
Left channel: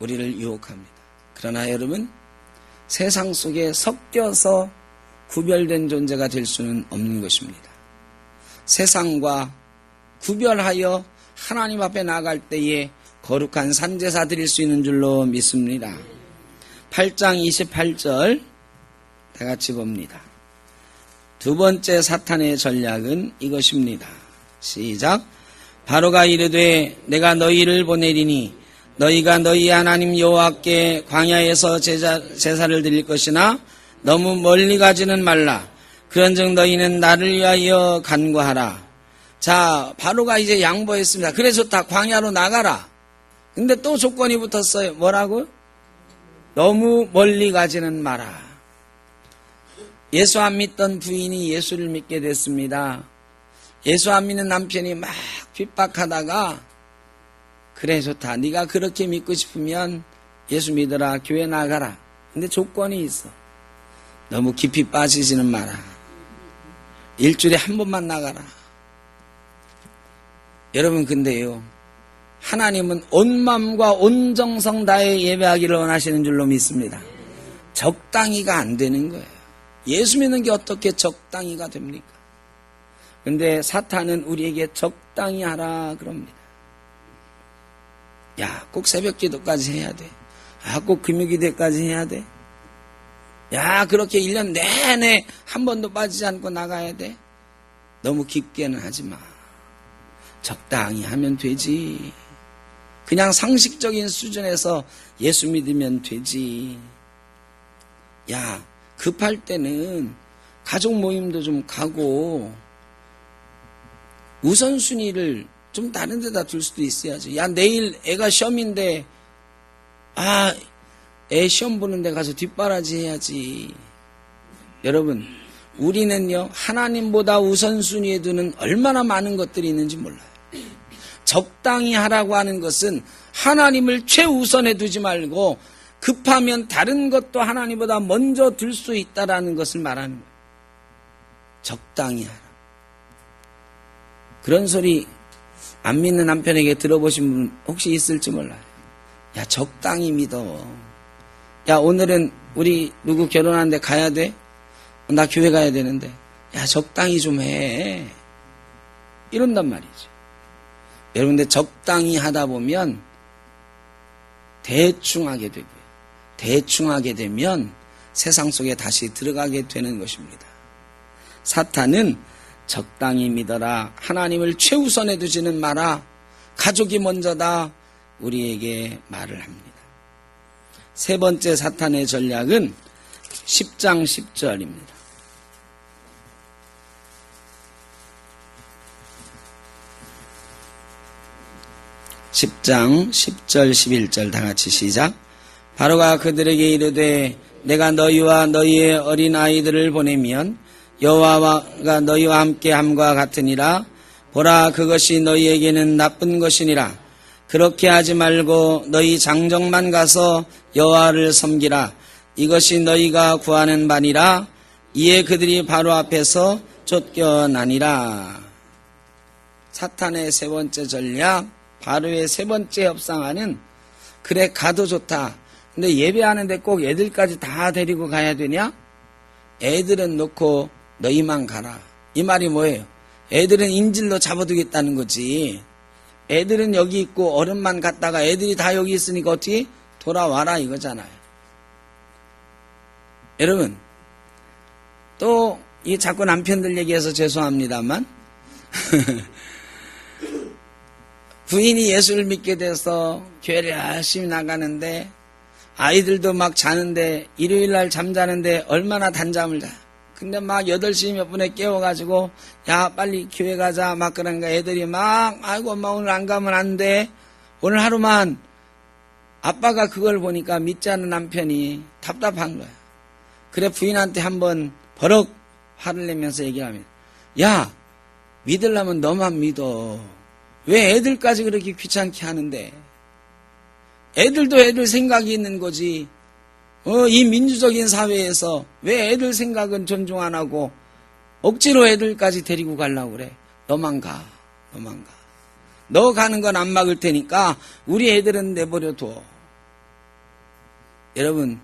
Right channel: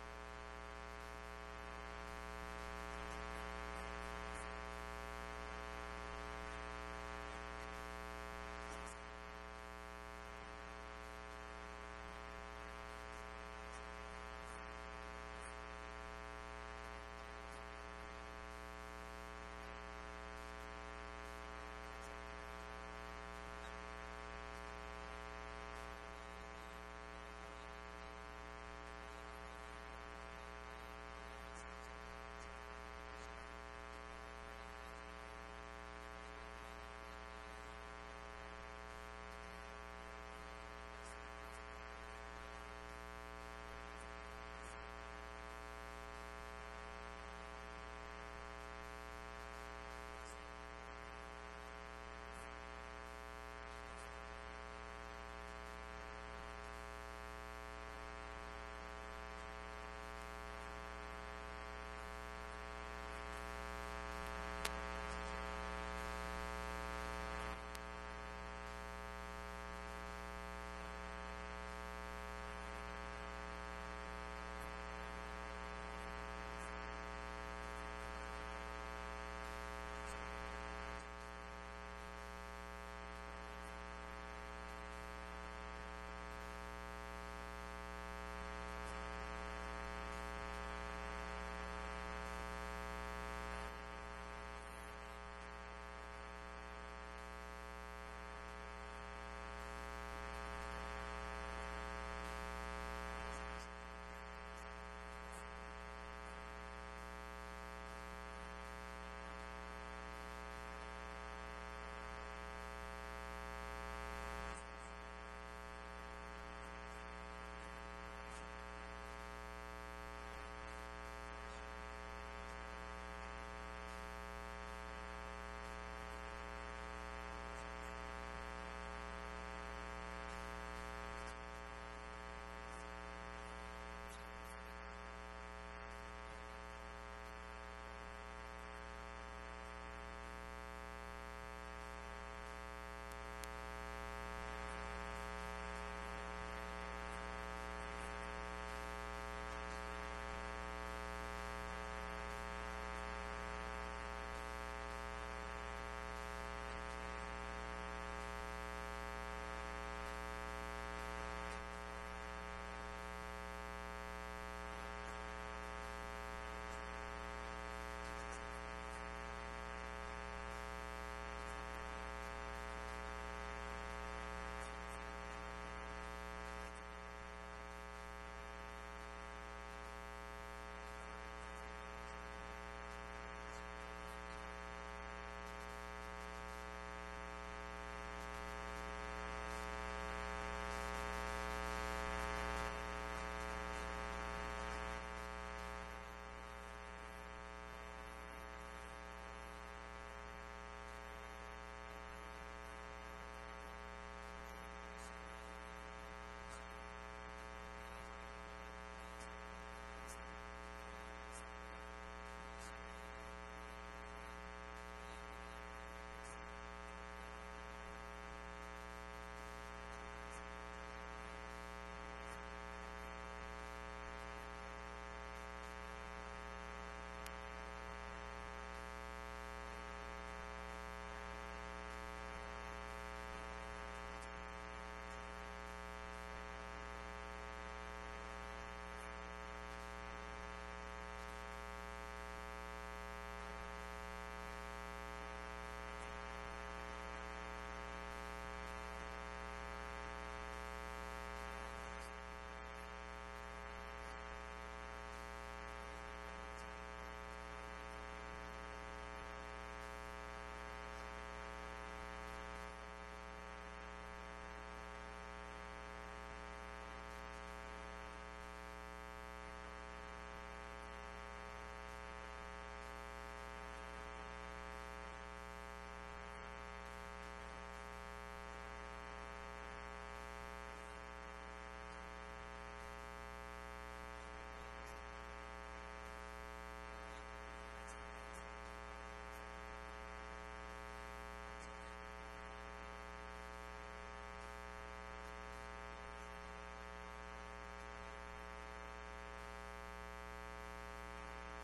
우리를 유혹합니다. 그러나 여러분, 세상 속에 섞여서 구별된 존재가 될 수는 없는 것입니다. 세상과 구별하여 하나님 앞에 나갈 때에 거룩한 산제사 드릴 수 있는 줄로 믿습니다. 8장 28절 다 같이 봅니다. 두 번째 사탄의 전략은 이것입니다. 시작. 바로가 이르되 내가 너희를 보내리니 너희가 너희 하나님 여호와께 광야에서 제사를 드릴 것이나 너무 멀리 가지는 말라. 그런즉 너희는 나를 위하여 간구하라. 자, 바로가 이제 양보했습니다. 그래 좋다. 광야로 나가라. 근데 또 조건이 붙었어요. 뭐라고? 너무 멀리 가지는 마라. 예수 안 믿던 부인이 예수를 믿게 됐습니다. 예수 안 믿는 남편이 막 핍박하다가 그래 좋다. 네가 그렇게 믿고 싶으면 예수 믿어라. 교회 나가라. 근데 조건이 있어. 너무 깊이 빠지지는 마라. 일주일에 한 번만 나가라. 여러분 근데요, 하나님은 온 마음과 온 정성 다해 예배하기를 원하시는 줄로 믿습니다. 적당히가 안 되는 거예요. 예수 믿는 게 어떻게 적당히가 됩니까? 근데 사탄은 우리에게 적당히 하라 그럽니다. 야, 꼭 새벽 기도까지 해야 돼. 야, 꼭 금요기도까지 해야 돼. 야, 그렇게 1년 내내 한 번도 빠지지 않고 나가야 돼. 너무 깊게는 하지 마. 적당히 하면 되지. 그냥 상식적인 수준에서 예수 믿으면 되지. 야, 급할 때는 가족 모임도 좀 가고 우선순위를 좀 다른 데다 둘 수도 있어야지. 야, 내일 애가 시험인데 애 시험 보는 데 가서 뒷바라지 해야지. 여러분, 우리는요 하나님보다 우선순위에 두는 얼마나 많은 것들이 있는지 몰라요. 적당히 하라고 하는 것은 하나님을 최우선에 두지 말고 급하면 다른 것도 하나님보다 먼저 둘 수 있다라는 것을 말하는 거예요. 적당히 하라. 그런 소리 안 믿는 남편에게 들어보신 분 혹시 있을지 몰라요. 야, 적당히 믿어. 야, 오늘은 우리 누구 결혼하는데 가야 돼? 나 교회 가야 되는데. 야, 적당히 좀 해. 이런단 말이죠. 여러분들 적당히 하다 보면 대충 하게 되고, 대충 하게 되면 세상 속에 다시 들어가게 되는 것입니다. 사탄은 적당히 믿어라. 하나님을 최우선에 두지는 마라. 가족이 먼저다. 우리에게 말을 합니다. 세 번째 사탄의 전략은 10장 10절입니다. 10장 10절 11절 다같이 시작. 바로가 그들에게 이르되 내가 너희와 너희의 어린 아이들을 보내면 여호와가 너희와 함께 함과 같으니라. 보라, 그것이 너희에게는 나쁜 것이니라. 그렇게 하지 말고 너희 장정만 가서 여호와를 섬기라. 이것이 너희가 구하는 바니라. 이에 그들이 바로 앞에서 쫓겨나니라. 사탄의 세 번째 전략, 바로의 세 번째 협상안은 그래 가도 좋다. 근데 예배하는데 꼭 애들까지 다 데리고 가야 되냐? 애들은 놓고 너희만 가라. 이 말이 뭐예요? 애들은 인질로 잡아두겠다는 거지. 애들은 여기 있고 어른만 갔다가 애들이 다 여기 있으니까 어떻게 돌아와라 이거잖아요. 여러분, 또 이 자꾸 남편들 얘기해서 죄송합니다만 부인이 예수를 믿게 돼서 교회를 열심히 나가는데 아이들도 막 자는데 일요일날 잠자는데 얼마나 단잠을 자. 근데 막 8시 몇 분에 깨워가지고 야 빨리 교회 가자 막 그러니까 애들이 막 아이고 엄마 오늘 안 가면 안 돼. 오늘 하루만. 아빠가 그걸 보니까 믿지 않는 남편이 답답한 거야. 그래 부인한테 한번 버럭 화를 내면서 얘기합니다. 야, 믿으려면 너만 믿어. 왜 애들까지 그렇게 귀찮게 하는데? 애들도 애들 생각이 있는 거지. 이 민주적인 사회에서 왜 애들 생각은 존중 안 하고 억지로 애들까지 데리고 가려고 그래? 너만 가. 너만 가. 너 가는 건 안 막을 테니까 우리 애들은 내버려 둬. 여러분,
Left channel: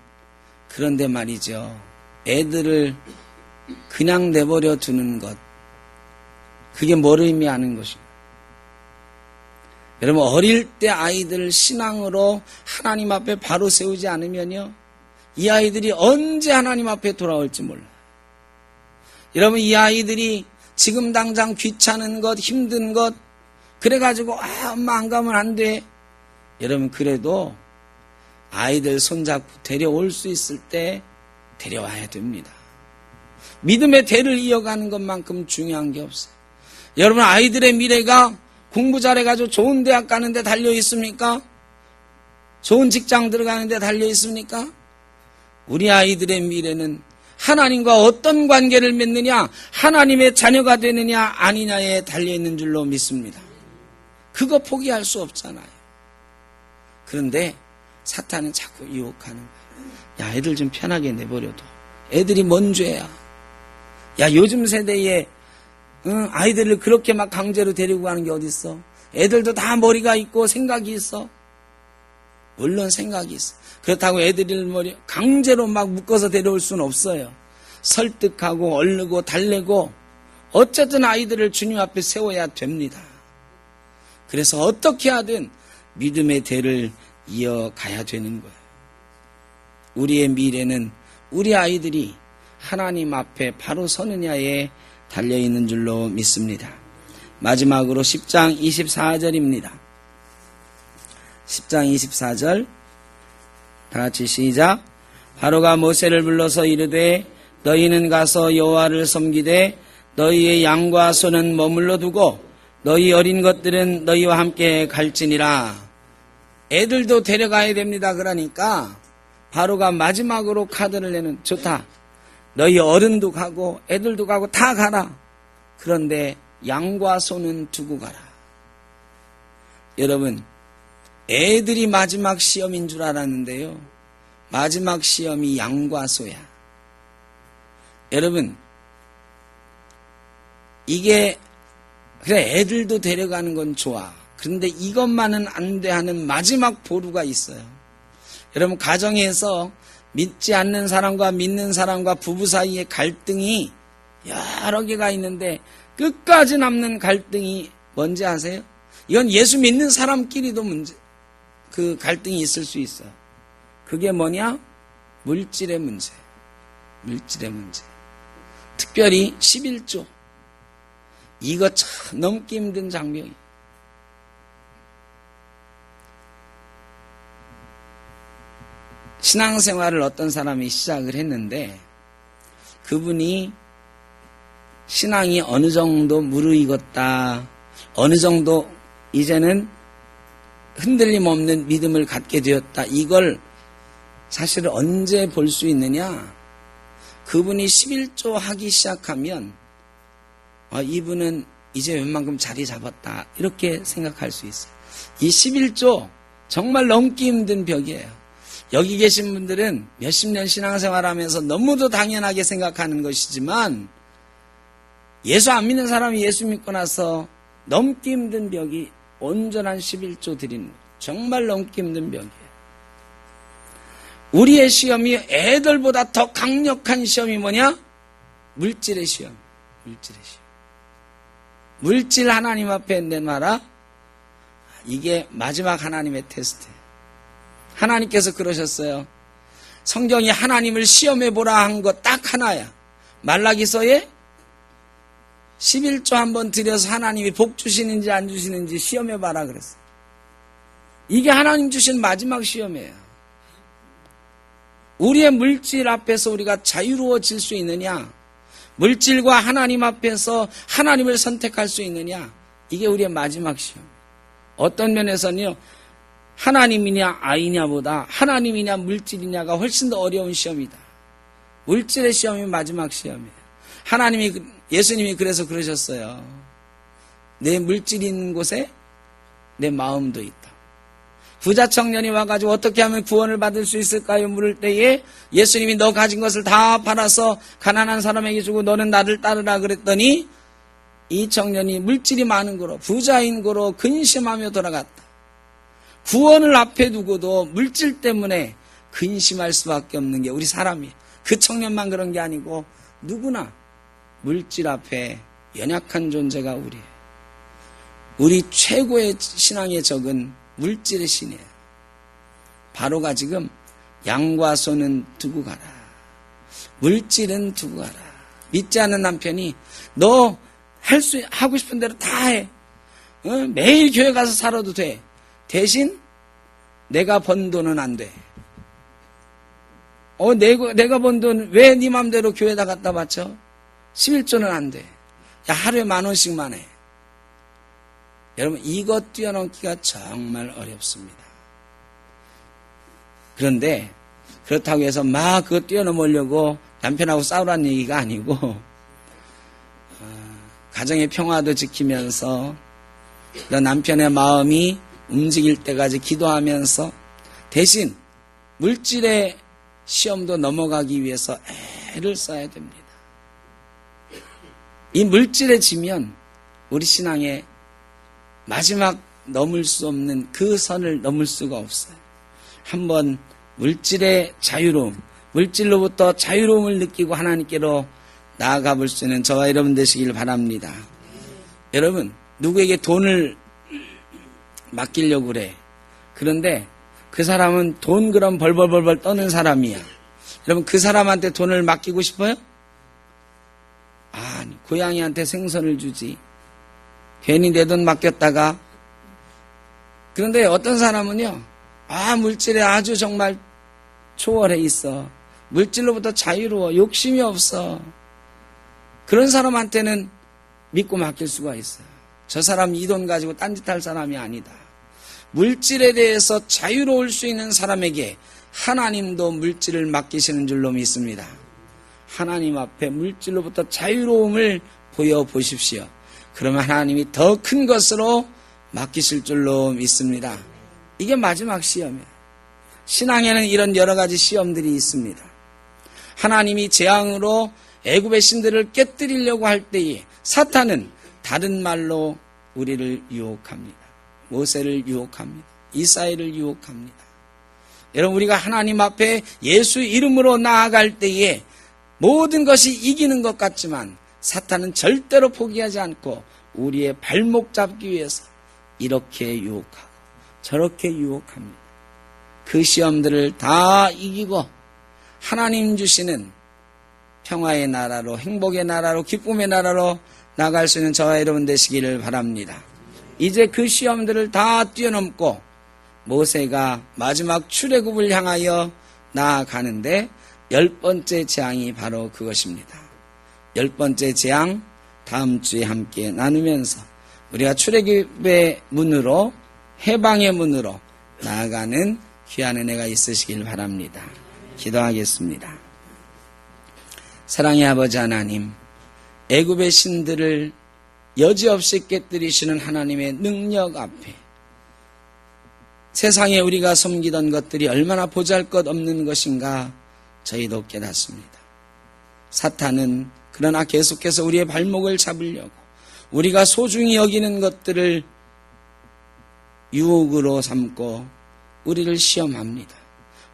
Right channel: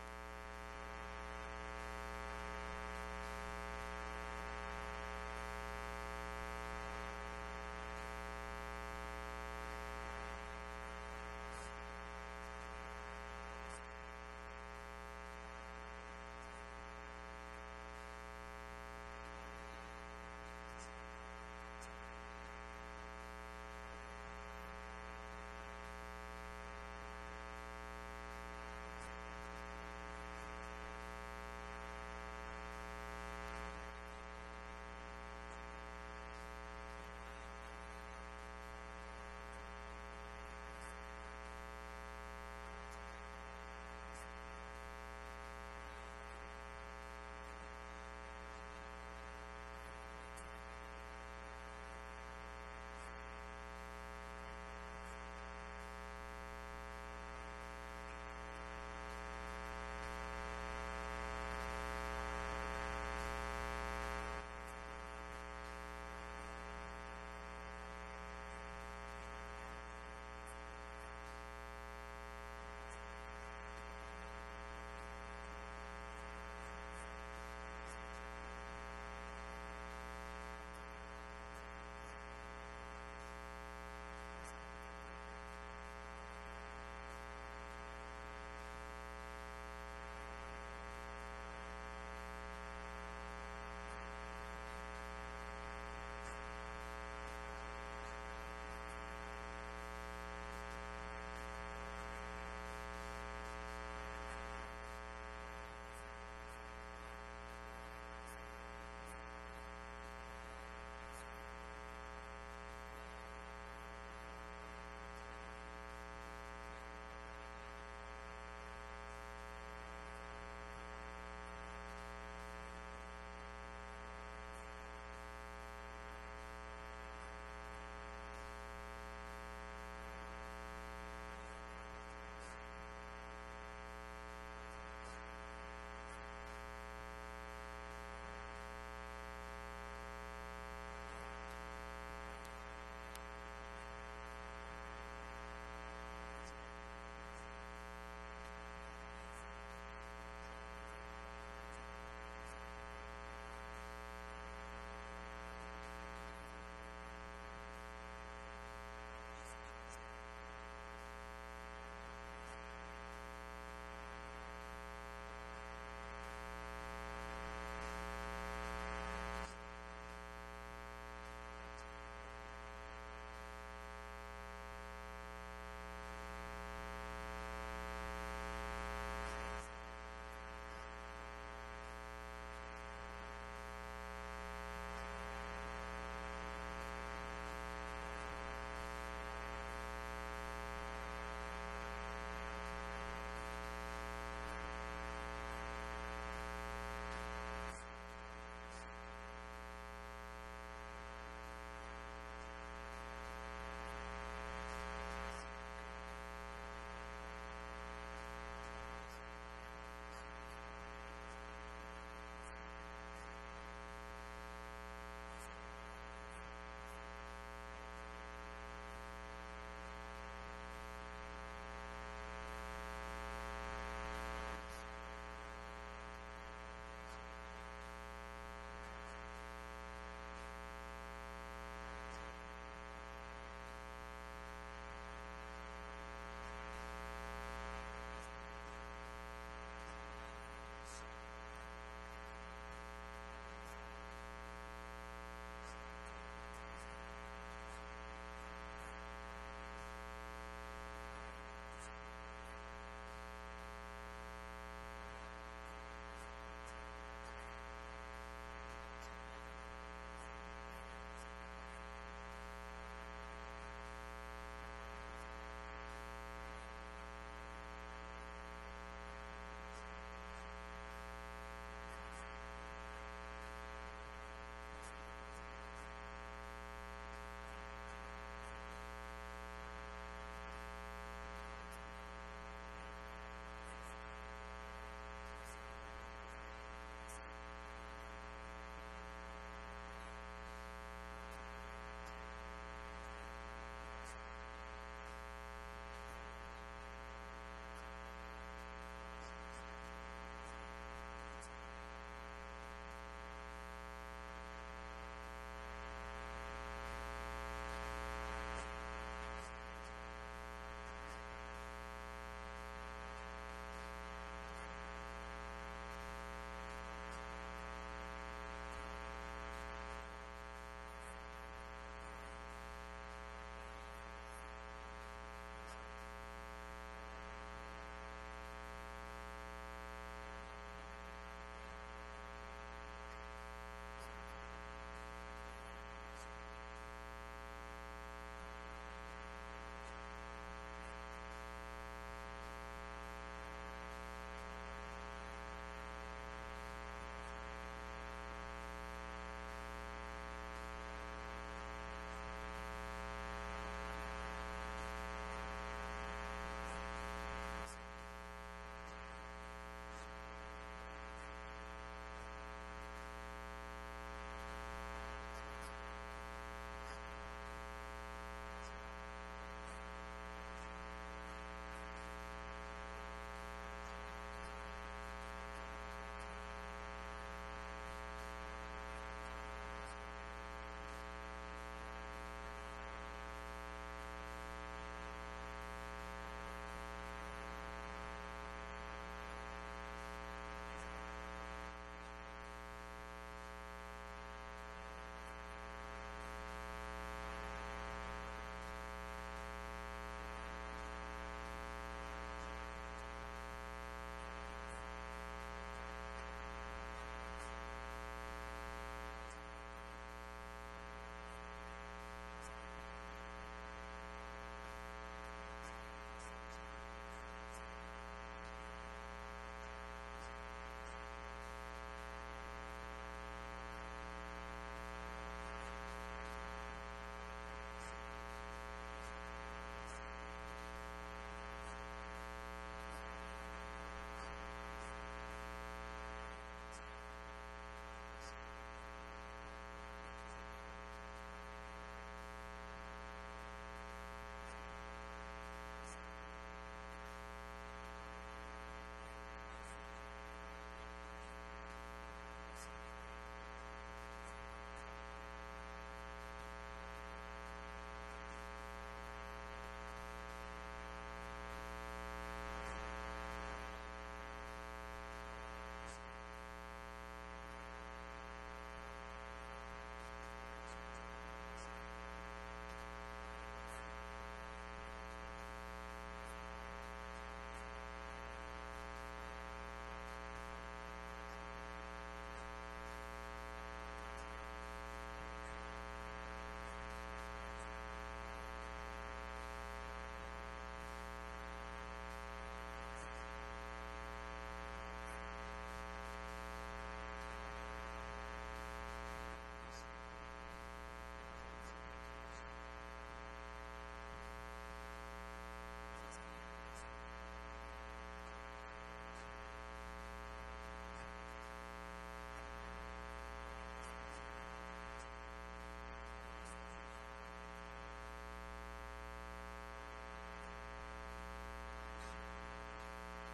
그런데 말이죠. 애들을 그냥 내버려 두는 것. 그게 뭘 의미하는 것입니까? 여러분, 어릴 때 아이들을 신앙으로 하나님 앞에 바로 세우지 않으면요, 이 아이들이 언제 하나님 앞에 돌아올지 몰라요. 여러분, 이 아이들이 지금 당장 귀찮은 것, 힘든 것, 그래가지고 엄마 안 가면 안 돼. 여러분 그래도 아이들 손잡고 데려올 수 있을 때 데려와야 됩니다. 믿음의 대를 이어가는 것만큼 중요한 게 없어요. 여러분 아이들의 미래가 공부 잘해가지고 좋은 대학 가는데 달려 있습니까? 좋은 직장 들어가는데 달려 있습니까? 우리 아이들의 미래는 하나님과 어떤 관계를 맺느냐, 하나님의 자녀가 되느냐 아니냐에 달려 있는 줄로 믿습니다. 그거 포기할 수 없잖아요. 그런데 사탄은 자꾸 유혹하는 거예요. 야, 애들 좀 편하게 내버려둬. 애들이 뭔 죄야. 야, 요즘 세대에 아이들을 그렇게 막 강제로 데리고 가는 게 어딨어. 애들도 다 머리가 있고 생각이 있어. 물론 생각이 있어. 그렇다고 애들을 강제로 막 묶어서 데려올 수는 없어요. 설득하고 얼르고 달래고 어쨌든 아이들을 주님 앞에 세워야 됩니다. 그래서 어떻게 하든 믿음의 대를 이어가야 되는 거예요. 우리의 미래는 우리 아이들이 하나님 앞에 바로 서느냐에 달려있는 줄로 믿습니다. 마지막으로 10장 24절입니다. 10장 24절 다같이 시작. 바로가 모세를 불러서 이르되 너희는 가서 여호와를 섬기되 너희의 양과 소는 머물러 두고 너희 어린 것들은 너희와 함께 갈지니라. 애들도 데려가야 됩니다. 그러니까 바로가 마지막으로 카드를 내는 좋다. 너희 어른도 가고 애들도 가고 다 가라. 그런데 양과 소는 두고 가라. 여러분 애들이 마지막 시험인 줄 알았는데요. 마지막 시험이 양과 소야. 여러분 이게 그래 애들도 데려가는 건 좋아. 그런데 이것만은 안 돼 하는 마지막 보루가 있어요. 여러분 가정에서 믿지 않는 사람과 믿는 사람과 부부 사이의 갈등이 여러 개가 있는데 끝까지 남는 갈등이 뭔지 아세요? 이건 예수 믿는 사람끼리도 그 갈등이 있을 수 있어요. 그게 뭐냐? 물질의 문제. 물질의 문제. 특별히 11조. 이거 참 넘기 힘든 장면이에요. 신앙생활을 어떤 사람이 시작을 했는데 그분이 신앙이 어느 정도 무르익었다. 어느 정도 이제는 흔들림 없는 믿음을 갖게 되었다. 이걸 사실 언제 볼 수 있느냐? 그분이 11조 하기 시작하면 이분은 이제 웬만큼 자리 잡았다. 이렇게 생각할 수 있어요. 이 11조 정말 넘기 힘든 벽이에요. 여기 계신 분들은 몇십 년 신앙생활하면서 너무도 당연하게 생각하는 것이지만 예수 안 믿는 사람이 예수 믿고 나서 넘기 힘든 벽이 온전한 11조 드리는 정말 넘기 힘든 벽이에요. 우리의 시험이 애들보다 더 강력한 시험이 뭐냐? 물질의 시험. 물질의 시험. 물질 하나님 앞에 내놔라. 이게 마지막 하나님의 테스트예요. 하나님께서 그러셨어요. 성경이 하나님을 시험해보라 한 거 딱 하나야. 말라기서에 11조 한번 드려서 하나님이 복 주시는지 안 주시는지 시험해봐라 그랬어요. 이게 하나님 주신 마지막 시험이에요. 우리의 물질 앞에서 우리가 자유로워질 수 있느냐? 물질과 하나님 앞에서 하나님을 선택할 수 있느냐? 이게 우리의 마지막 시험. 어떤 면에서는요. 하나님이냐 아이냐보다 하나님이냐 물질이냐가 훨씬 더 어려운 시험이다. 물질의 시험이 마지막 시험이에요. 예수님이 그래서 그러셨어요. 내 물질이 있는 곳에 내 마음도 있다. 부자 청년이 와가지고 어떻게 하면 구원을 받을 수 있을까요? 물을 때에 예수님이 너 가진 것을 다 팔아서 가난한 사람에게 주고 너는 나를 따르라 그랬더니 이 청년이 물질이 많은 거로 부자인 거로 근심하며 돌아갔다. 구원을 앞에 두고도 물질 때문에 근심할 수밖에 없는 게 우리 사람이에요. 그 청년만 그런 게 아니고 누구나 물질 앞에 연약한 존재가 우리예요. 우리 최고의 신앙의 적은 물질의 신이에요. 바로가 지금 양과 소는 두고 가라. 물질은 두고 가라. 믿지 않는 남편이 너 하고 싶은 대로 다 해. 매일 교회 가서 살아도 돼. 대신 내가 번 돈은 안 돼. 내가 번 돈 왜 네 맘대로 교회에다 갖다 바쳐? 11조는 안 돼. 야, 하루에 10,000원씩만 해. 여러분, 이것 뛰어넘기가 정말 어렵습니다. 그런데 그렇다고 해서 막 그거 뛰어넘으려고 남편하고 싸우라는 얘기가 아니고, 가정의 평화도 지키면서 너 남편의 마음이 움직일 때까지 기도하면서 대신 물질의 시험도 넘어가기 위해서 애를 써야 됩니다. 이 물질에 지면 우리 신앙의 마지막 넘을 수 없는 그 선을 넘을 수가 없어요. 한번 물질의 자유로움, 물질로부터 자유로움을 느끼고 하나님께로 나아가 볼 수 있는 저와 여러분 되시길 바랍니다. 여러분, 누구에게 돈을 맡기려고 그래. 그런데 그 사람은 돈 그럼 벌벌벌벌 떠는 사람이야. 여러분, 그 사람한테 돈을 맡기고 싶어요? 아니, 고양이한테 생선을 주지. 괜히 내 돈 맡겼다가. 그런데 어떤 사람은요, 물질에 아주 정말 초월해 있어. 물질로부터 자유로워. 욕심이 없어. 그런 사람한테는 믿고 맡길 수가 있어요. 저 사람 이 돈 가지고 딴짓할 사람이 아니다. 물질에 대해서 자유로울 수 있는 사람에게 하나님도 물질을 맡기시는 줄로 믿습니다. 하나님 앞에 물질로부터 자유로움을 보여보십시오. 그러면 하나님이 더 큰 것으로 맡기실 줄로 믿습니다. 이게 마지막 시험이에요. 신앙에는 이런 여러 가지 시험들이 있습니다. 하나님이 재앙으로 애굽의 신들을 깨뜨리려고 할 때에 사탄은 다른 말로 우리를 유혹합니다. 모세를 유혹합니다. 이스라엘을 유혹합니다. 여러분, 우리가 하나님 앞에 예수 이름으로 나아갈 때에 모든 것이 이기는 것 같지만 사탄은 절대로 포기하지 않고 우리의 발목 잡기 위해서 이렇게 유혹하고 저렇게 유혹합니다. 그 시험들을 다 이기고 하나님 주시는 평화의 나라로, 행복의 나라로, 기쁨의 나라로 나갈 수 있는 저와 여러분 되시기를 바랍니다. 이제 그 시험들을 다 뛰어넘고 모세가 마지막 출애굽을 향하여 나아가는데 10번째 재앙이 바로 그것입니다. 10번째 재앙, 다음 주에 함께 나누면서 우리가 출애굽의 문으로, 해방의 문으로 나아가는 귀한 은혜가 있으시길 바랍니다. 기도하겠습니다. 사랑의 아버지 하나님, 애굽의 신들을 여지없이 깨뜨리시는 하나님의 능력 앞에 세상에 우리가 섬기던 것들이 얼마나 보잘것없는 것인가 저희도 깨닫습니다. 사탄은 그러나 계속해서 우리의 발목을 잡으려고 우리가 소중히 여기는 것들을 유혹으로 삼고 우리를 시험합니다.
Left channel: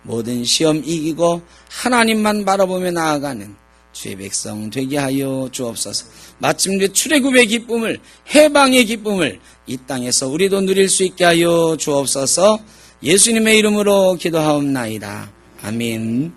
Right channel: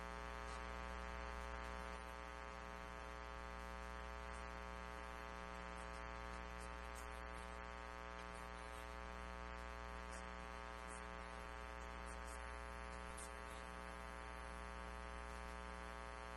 모든 시험 이기고 하나님만 바라보며 나아가는 주의 백성 되게 하여 주옵소서. 마침내 출애굽의 기쁨을, 해방의 기쁨을 이 땅에서 우리도 누릴 수 있게 하여 주옵소서. 예수님의 이름으로 기도하옵나이다. 아멘.